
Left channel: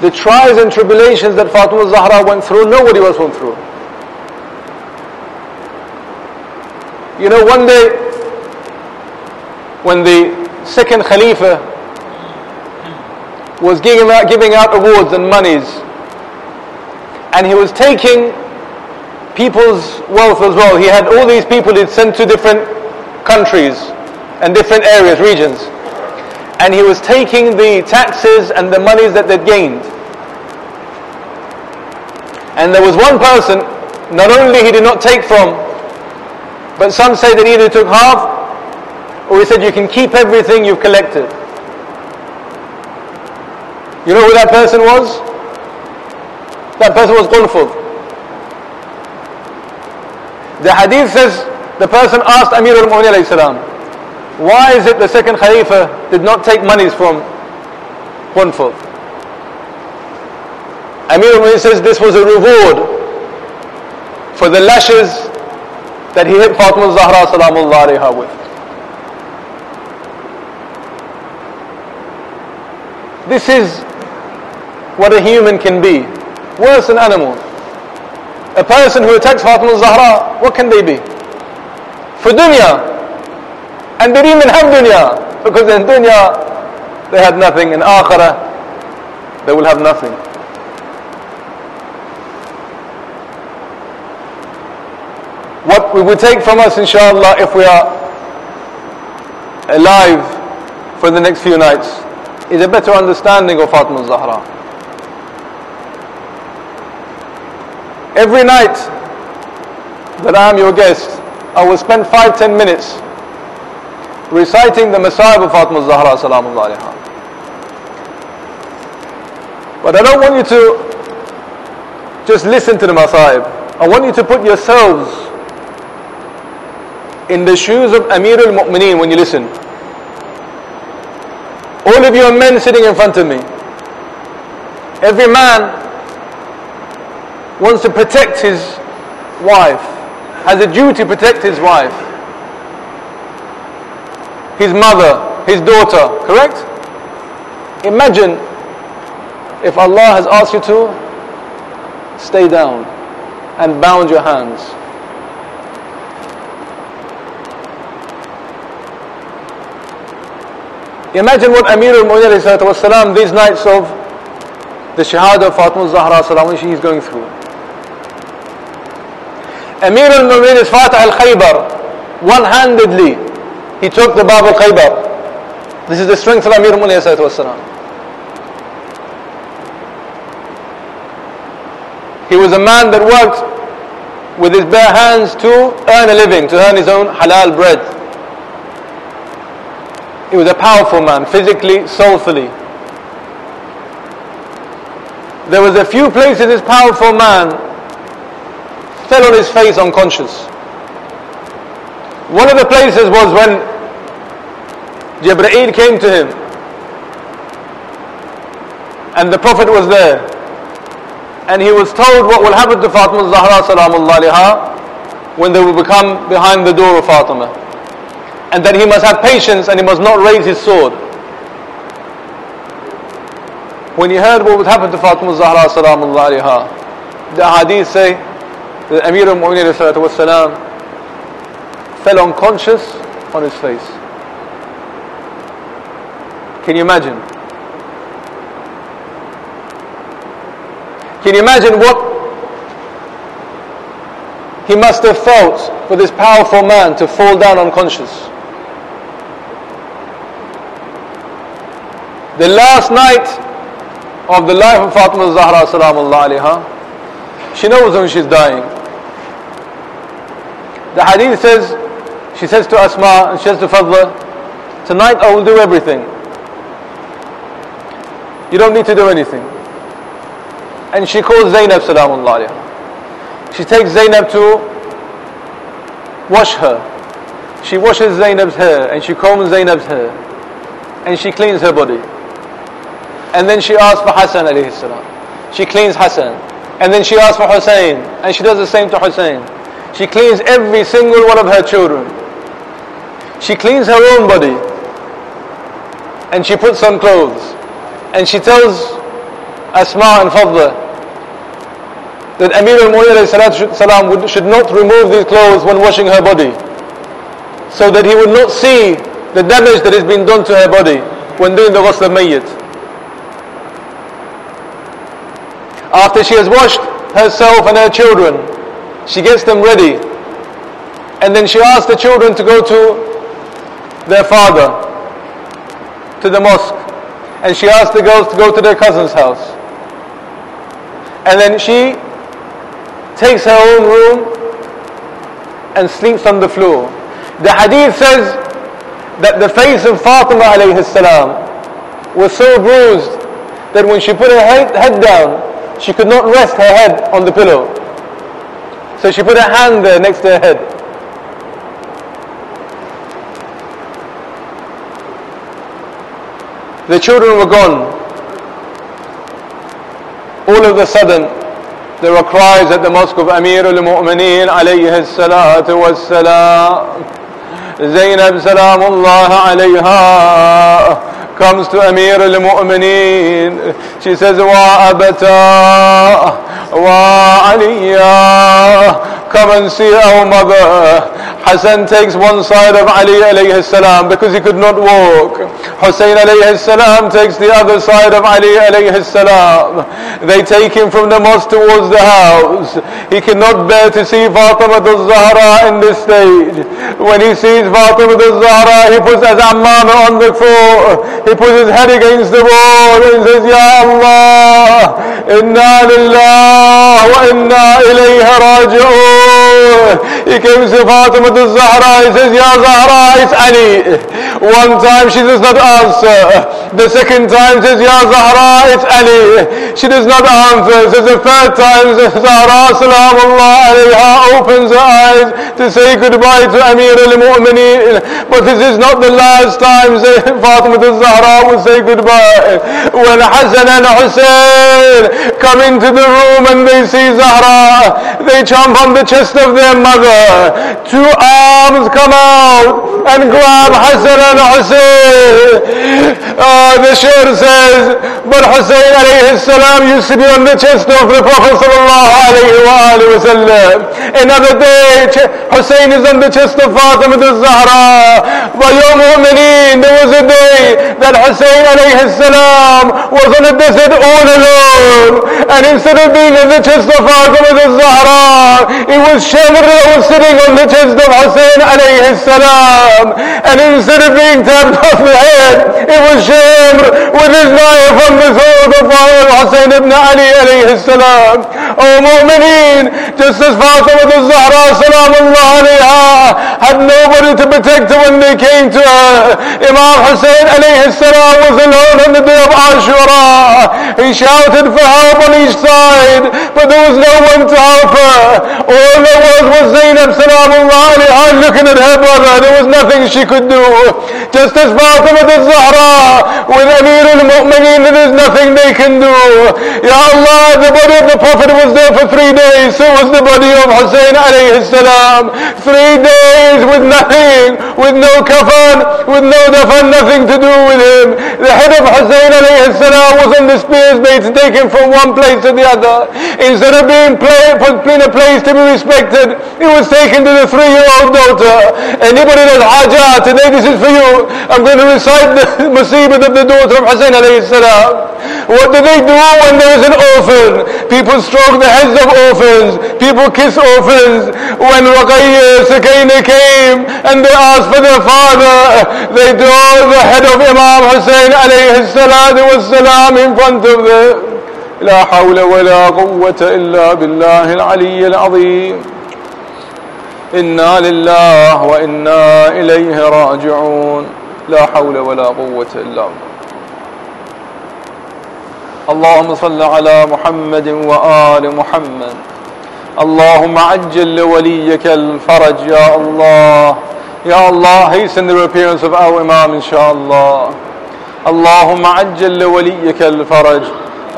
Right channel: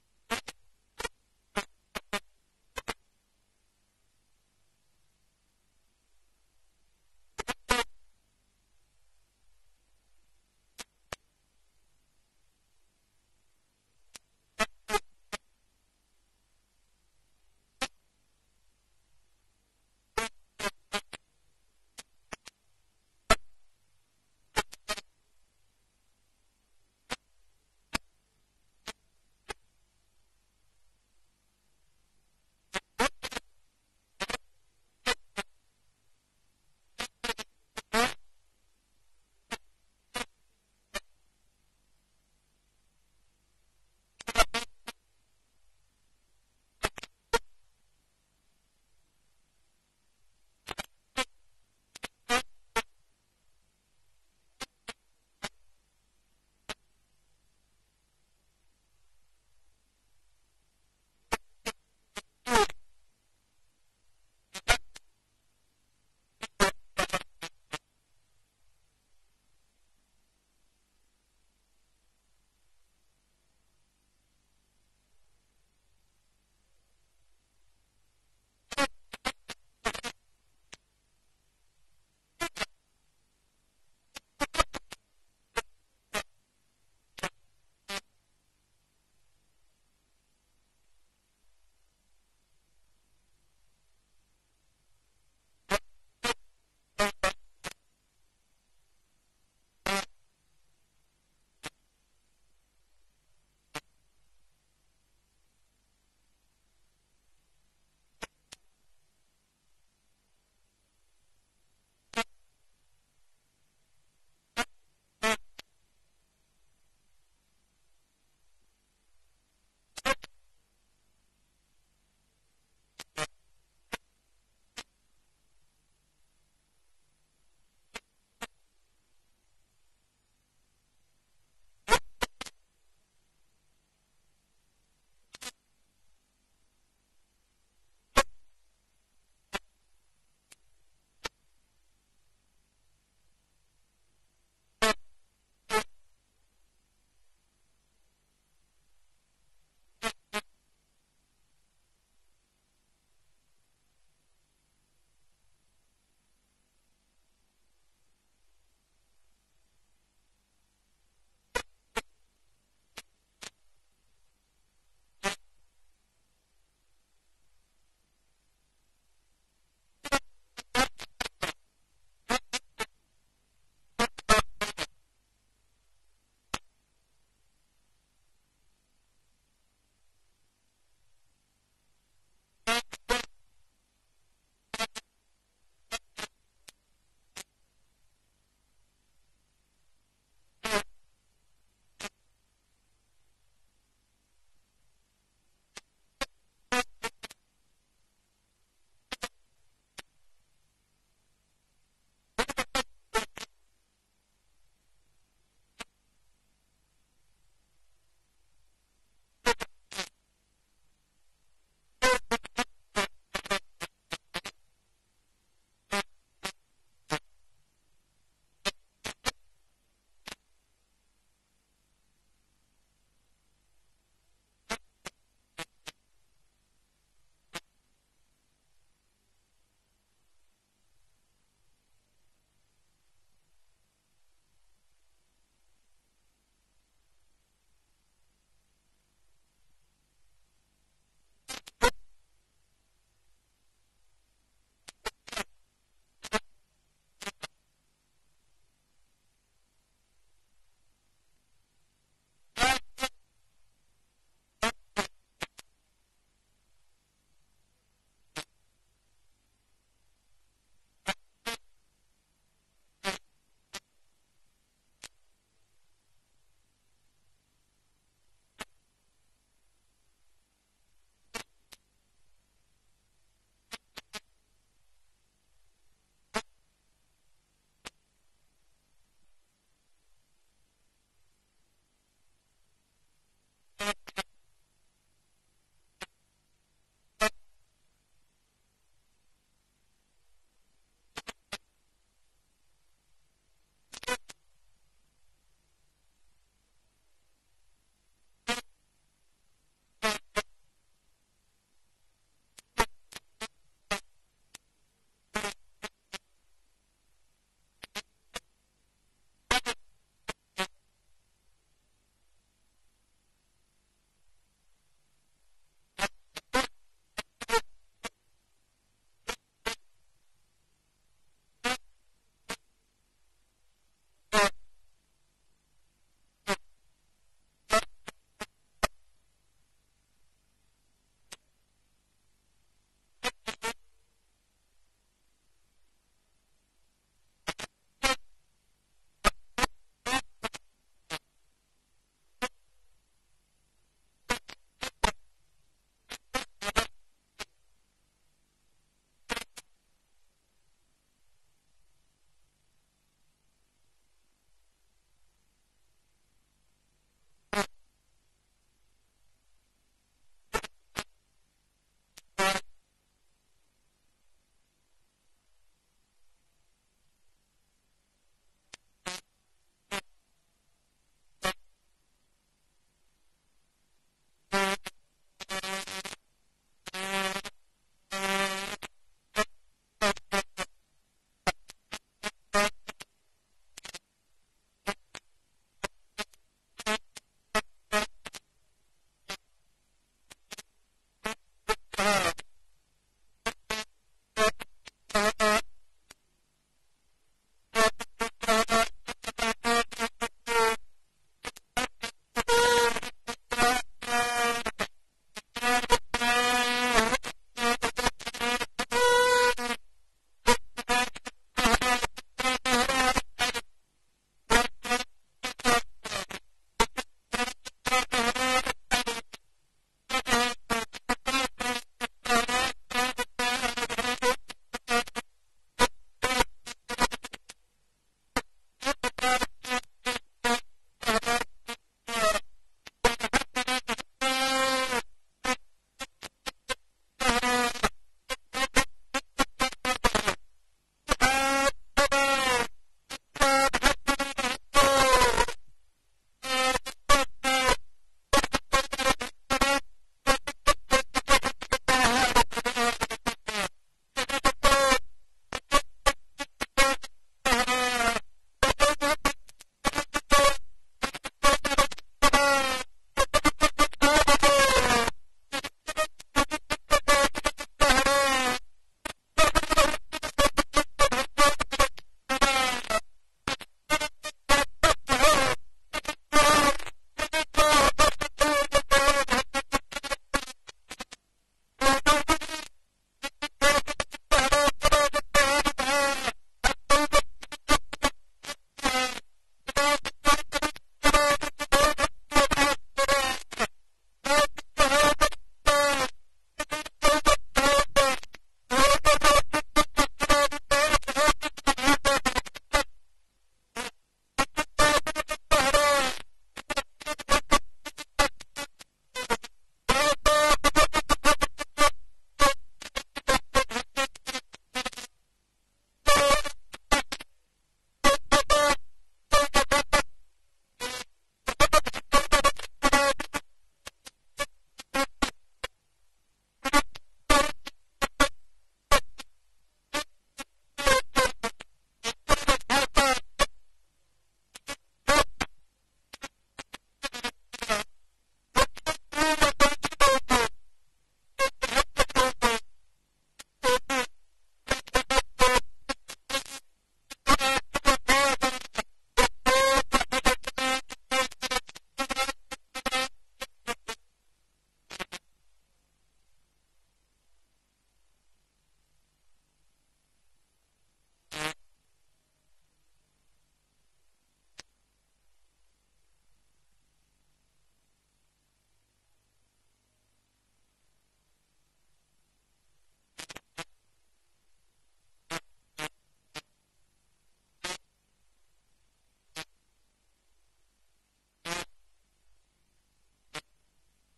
The trials and tribulations that Fatima al-Zahra went through, nobody else went through. You know, one day, when the second Khalifa was giving out awards and monies, and he was taking people's wealth as well. He had all these people he'd sent to different countries and different areas, regions. And he was taking the taxes and the monies that they'd gained. And there was one person, not only he did not take from, but some say that he either took half, or he said you can keep everything you've collected. You know who that person was? That person was Qunfud. The hadith says, the person asked Amir al-Mu'minin alayhi salam, why is it the second Khalifa did not take monies from Qunfud? Amir al-Mu'minin says this was a reward for the lashes that he hit Fatima al-Zahra salamullah alayha with. This is what a human can be, worse than animals. A person who attacks Fatima al-Zahra, what can they be? For dunya. And they didn't even have dunya, because in dunya they had nothing, in akhirah they will have nothing. What we would take from us, inshallah, if we are alive for the next few nights, is a better understanding of Fatima al-Zahra. Every night that I am your guest, I will spend 5-10 minutes reciting the Masa'ib of Fatima al-Zahra salamullah alayha. But I don't want you to just listen to the Masa'ib. I want you to put yourselves in the shoes of Amir al-Mu'mineen when you listen. All of you are men sitting in front of me. Every man wants to protect his wife, has a duty to protect his wife, his mother, his daughter, correct? Imagine if Allah has asked you to stay down and bound your hands. Imagine what Amir al-Mu'minin these nights of the Shahada of Fatima al-Zahra salam, she is going through. Amir al-Mu'minin is Fatah al-Khaybar. One-handedly, he took the Bab al-Khaybar. This is the strength of Amir al-Mu'minin. He was a man that worked with his bare hands to earn a living, to earn his own halal bread. He was a powerful man, physically, soulfully. There was a few places this powerful man fell on his face unconscious. One of the places was when Jibreel came to him and the Prophet was there, and he was told what will happen to Fatima al-Zahra salamullah alayha when they will become behind the door of Fatima, and that he must have patience and he must not raise his sword. When he heard what would happen to Fatima al-Zahra salamullah alayha, the hadith say that Amir al-Mu'minin fell unconscious on his face. Can you imagine? Can you imagine what he must have felt for this powerful man to fall down unconscious? The last night of the life of Fatima al-Zahra salamullah alayha, she knows when she's dying. The hadith says, she says to Asma and she says to Fadla, tonight I will do everything. You don't need to do anything. And she calls Zainab salamullah alayha. She takes Zainab to wash her. She washes Zainab's hair and she combs Zainab's hair and she cleans her body. And then she asks for Hassan alayhi salam. She cleans Hassan. And then she asks for Hussein and she does the same to Hussein. She cleans every single one of her children. She cleans her own body and she puts on clothes. And she tells Asma and Fadla that Amir al-Mu'minin should not remove these clothes when washing her body, so that he would not see the damage that has been done to her body when doing the ghusl al-mayyit. After she has washed herself and her children, she gets them ready, and then she asks the children to go to their father, to the mosque, and she asks the girls to go to their cousin's house, and then she takes her own room and sleeps on the floor. The hadith says that the face of Fatima alayhi salam was so bruised that when she put her head down, she could not rest her head on the pillow. So she put her hand there next to her head. The children were gone. All of a sudden, there were cries at the mosque of Amir al-Mu'mineen alayhi salatu was-salam. Zainab salamullah alayha comes to Amir al-Mu'mineen. She says, Wa abata, wa aliyya, come and see our mother. Hassan takes one side of Ali alayhi salam because he could not walk. Hussein alayhi salam takes the other side of Ali alayhi salam. They take him from the mosque towards the house. He cannot bear to see Fatima al-Zahra in this stage. When he sees Fatima al-Zahra, he puts his ammama on the floor. He puts his head against the wall and says, Ya Allah, inna lillah wa inna ilayhi raji'un. He comes to Fatima al-Zahra, he says, Ya Zahra, it's Ali. One time she does not answer. The second time says, Ya Zahra, it's Ali. She does not answer. Says the third time, Zahra salamullah alayha opens her eyes to say goodbye to Amir al-Mu'mineen. But this is not the last time Fatima al-Zahra will say goodbye. When Hassan and Hussein come into the room and they see Zahra, they jump on the chest of their mother. Two arms come out and grab Hassan and Hussein. The Shair says, but Hussein alayhi salam used to be on the chest of the Prophet sallallahu alayhi wa sallam. Another day, Hussein is on the chest of Fatima al-Zahra. But Ya Mu'mineen, there was a day that Hussein alayhi salam was on a desert all alone. And instead of being on the chest of Fatima al-Zahra, it was Shamr that was sitting on the chest of Hussein alayhi salam. And instead of being tapped off the head, it was Shamr with his knife on the throat of Hussein ibn Ali alayhi salam. Oh Mu'mineen, just as Fatima al-Zahra salamullah alayha had nobody to protect her when they came to her, Imam Hussein alayhi salam was alone on the day of Ashura. He shouted for help on each side, but there was no one to help her. All there was Zainab salamullah alayha looking at her brother. There was nothing she could do. Just as Fatima al-Zahra with Amir al-Mu'mineen, there is nothing they can do. Ya Allah, the body of the Prophet was there for 3 days, so was the body of Hussein alayhi salam. 3 days with nothing, with no kafan, with no dafan, nothing to do with him. The head of Hussein alayhi salam was on the spears made to take him from one place to the other. Instead of being put in a place to be respected, he was taken to the 3-year-old daughter. Anybody that's hajah, today this is for you. I'm going to recite the musibah of the daughter of Hussein alayhi salam. What do they do when there is an orphan? People stroke the heads of orphans. People kiss orphans. When Ruqayya Sakina came and they asked for their father, they draw the head of Imam Hussein alayhi salatu wassalam in front of them. لا حول ولا قوة إلا بالله العلي العظيم. إنا لله وإنا إليه راجعون. لا حول ولا قوة إلا بالله. اللهم صل على محمد وآل محمد. اللهم عجل لوليك الفرج يا الله. Ya Allah, hasten the appearance of our Imam inshaAllah. اللهم عجل لوليك الفرج.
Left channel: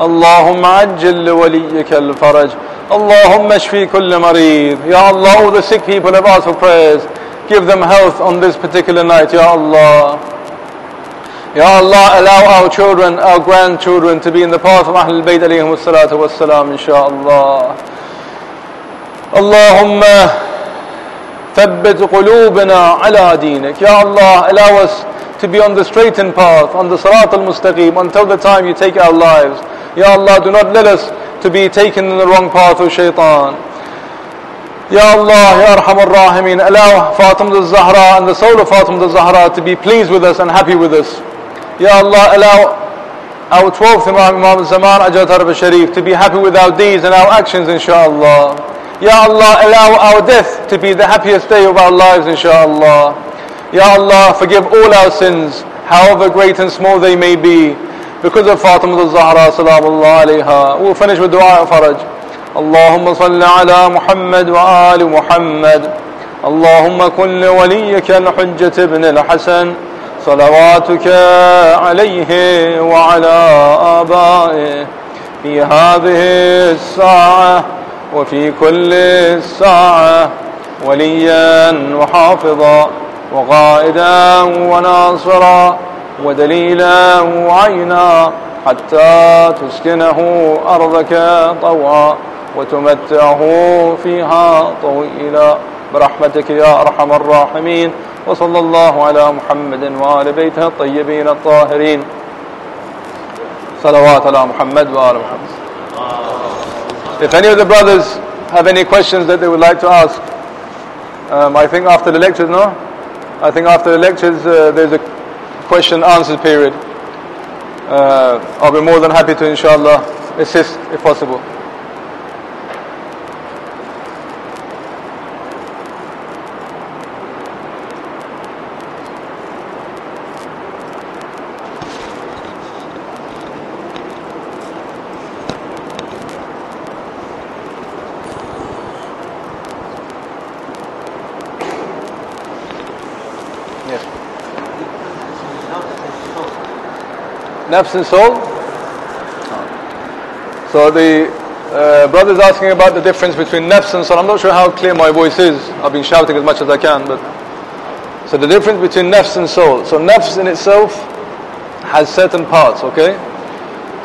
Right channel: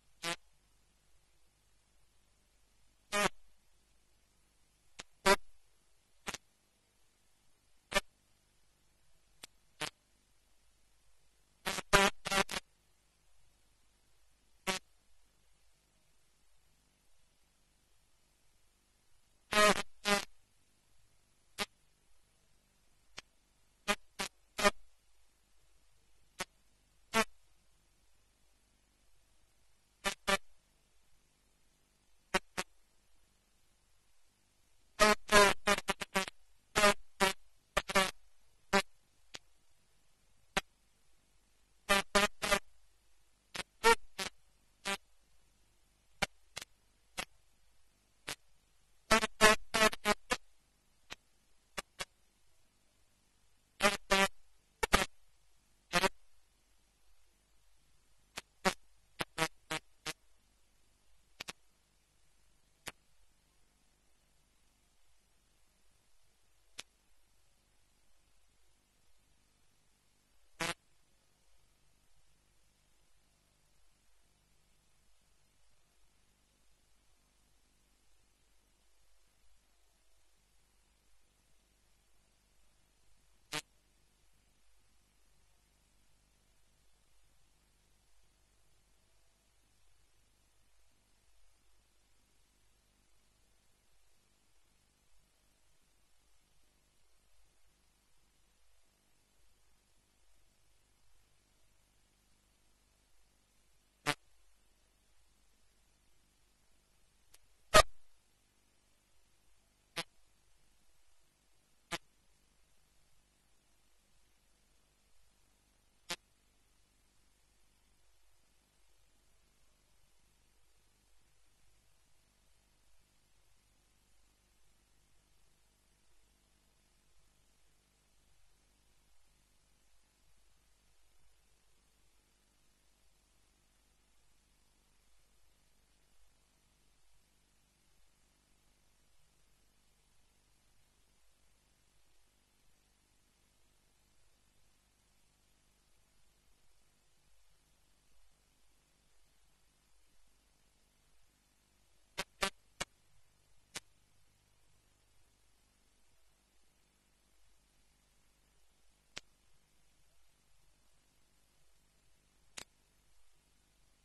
اللهم عجل لوليك الفرج. اللهم اشفي كل مريض. Ya Allah, all the sick people have asked for prayers. Give them health on this particular night, Ya Allah. Ya Allah, allow our children, our grandchildren to be in the path of Ahlul Bayt alayhim salatu wassalam, inshaAllah. Allahumma thabbit qulubana ala dinik. Ya Allah, allow us to be on the straightened path, on the Sirat al-Mustaqim, until the time you take our lives. Ya Allah, do not let us to be taken in the wrong path of shaitan. Ya Allah, Ya Arhamar Rahimin, allow Fatima al-Zahra and the soul of Fatima al-Zahra to be pleased with us and happy with us. Ya Allah, allow our 12th Imam, Imam al-Zaman Ajat Arab al-Sharif, to be happy with our deeds and our actions, inshaAllah. Ya Allah, allow our death to be the happiest day of our lives, inshaAllah. Ya Allah, forgive all our sins, however great and small they may be. because of Fatima al-Zahra salamullah alayha. We'll finish with dua of faraj. Allahumma salli ala Muhammad wa ali Muhammad. Allahumma kun li waliyyika al-Hujjat ibn al-Hasan صلواتك عليه وعلى آبائه في هذه الساعة وفي كل الساعة وليا وحافظا وقائدا وناصرا ودليلا وعينا حتى تسكنه أرضك طوعا وتمتعه فيها طويلا برحمتك يا أرحم الراحمين. وصلى الله على محمد وآل بيته الطيبين الطاهرين. صلوات على محمد وآل محمد. If any of the brothers have any questions that they would like to ask, I think after the lectures, no? I think after the lectures there's a question answer period. I'll be more than happy to inshallah assist if possible. Nafs and soul. So the brother's asking about the difference between nafs and soul. I'm not sure how clear my voice is. I've been shouting as much as I can. But so the difference between nafs and soul. So nafs in itself has certain parts, okay?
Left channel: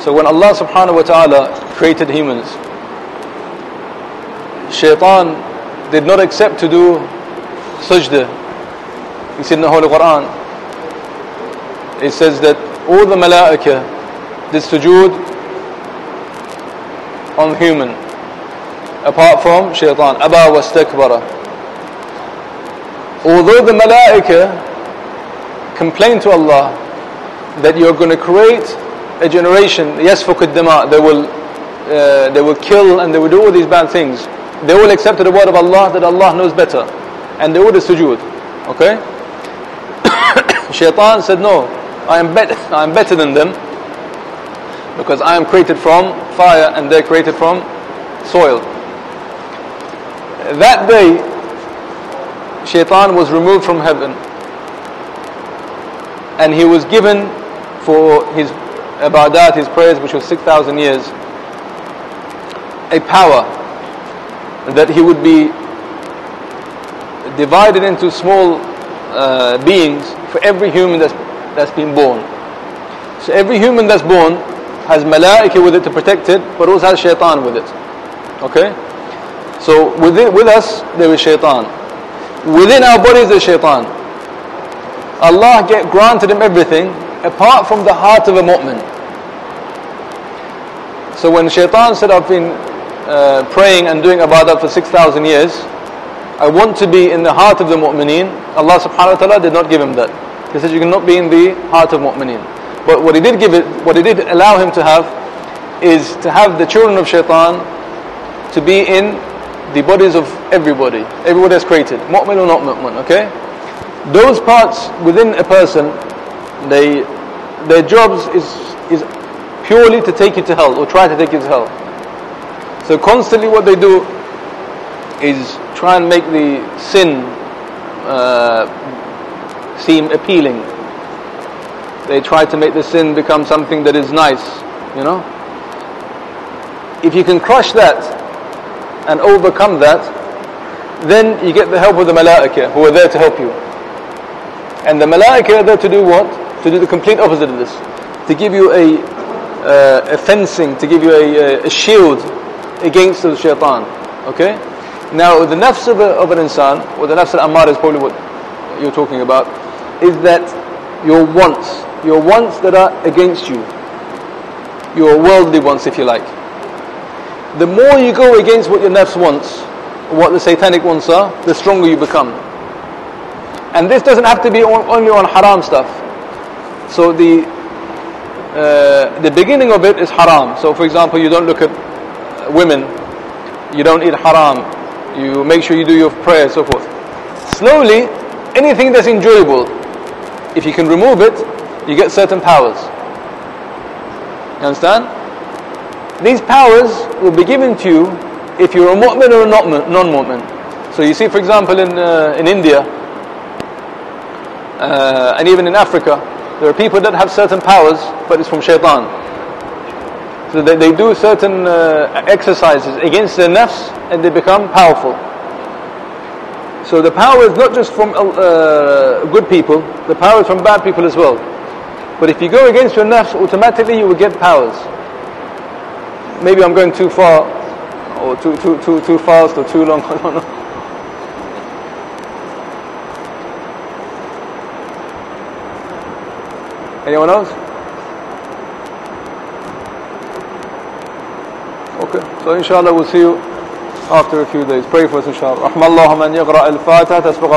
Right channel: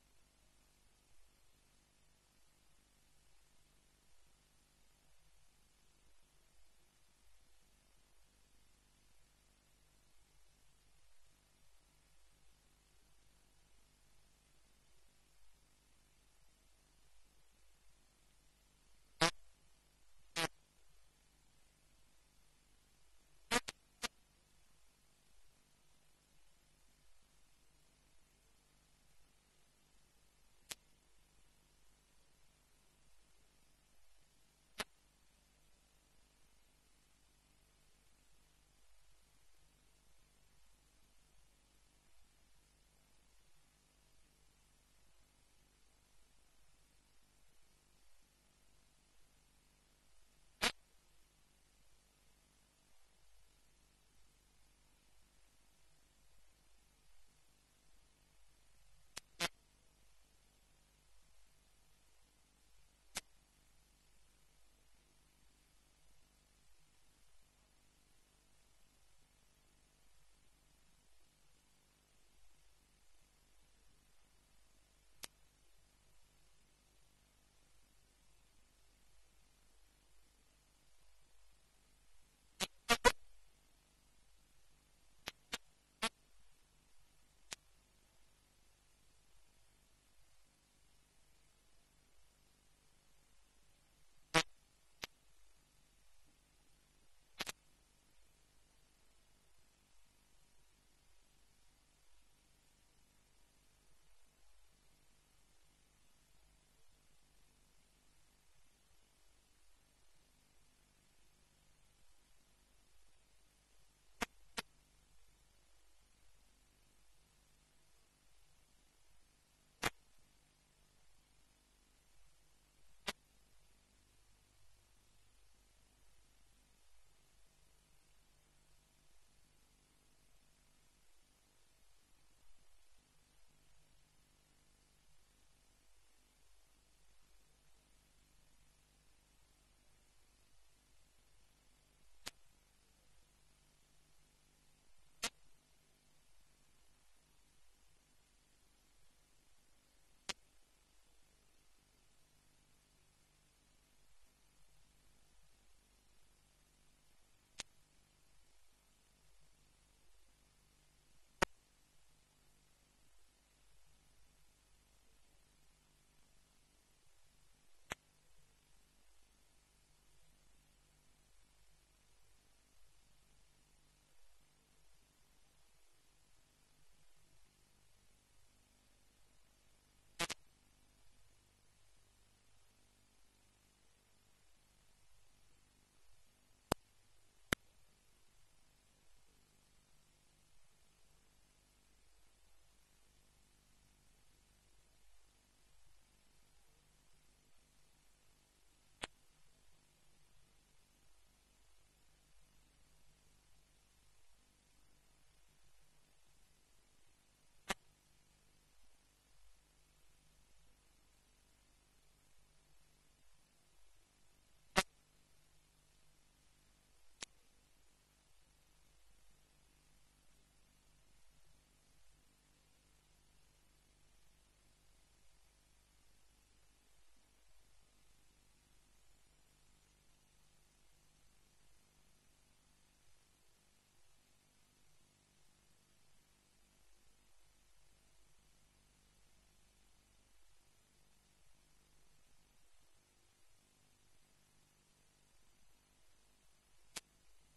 So when Allah subhanahu wa ta'ala created humans, shaitan did not accept to do sajda. You see in the Holy Quran, it says that all the malaika did sujood on human, apart from shaitan. Aba wastakbara. Although the malaika complained to Allah that you're going to create a generation, yasfuq ad-dima, they will kill and they will do all these bad things, they all accepted the word of Allah that Allah knows better, and they all did sujood. Okay? Shaitan said, no, I am better than them, because I am created from fire and they're created from soil. That day, Shaitan was removed from heaven, and he was given for his ibadat, his prayers, which was 6,000 years, a power that he would be divided into small beings for every human that's been born. So every human that's born has malaika with it to protect it, but also has shaitan with it. Okay? So with us there is shaitan. Within our bodies there is shaitan. Allah granted him everything apart from the heart of a mu'min. So when shaitan said, I've been praying and doing ibadah for 6,000 years, I want to be in the heart of the mu'mineen, Allah subhanahu wa ta'ala did not give him that. He said you cannot be in the heart of mu'mineen. But what he did allow him to have, is to have the children of shaitan to be in the bodies of everybody that's created, mu'min or not mu'min, okay? Those parts within a person, their jobs is purely to take you to hell, or try to take you to hell. So constantly what they do is try and make the sin seem appealing. They try to make the sin become something that is nice, you know. If you can crush that and overcome that, then you get the help of the malaika who are there to help you. And the malaika are there to do what? To do the complete opposite of this. To give you a fencing, to give you a shield against the shaitan. Okay? Now the nafs of an insan, or the nafs al-ammar is probably what you're talking about, is that your wants that are against you, your worldly wants, if you like. The more you go against what your nafs wants, what the satanic wants are, the stronger you become. And this doesn't have to be only on haram stuff. So the beginning of it is haram. So for example, you don't look at women, you don't eat haram, you make sure you do your prayer, so forth. Slowly, anything that's enjoyable, if you can remove it, you get certain powers. You understand? These powers will be given to you if you're a mu'min or a non-mu'min. So you see, for example, in India, and even in Africa, there are people that have certain powers, but it's from shaitan. So they do certain exercises against their nafs, and they become powerful. So the power is not just from good people, the power is from bad people as well. But if you go against your nafs, automatically you will get powers. Maybe I'm going too far, or too fast, or too long, I don't know. Anyone else? Okay, so inshallah we'll see you after a few days. Pray for us inshallah. رحم الله من يقرأ الفاتحة تسبق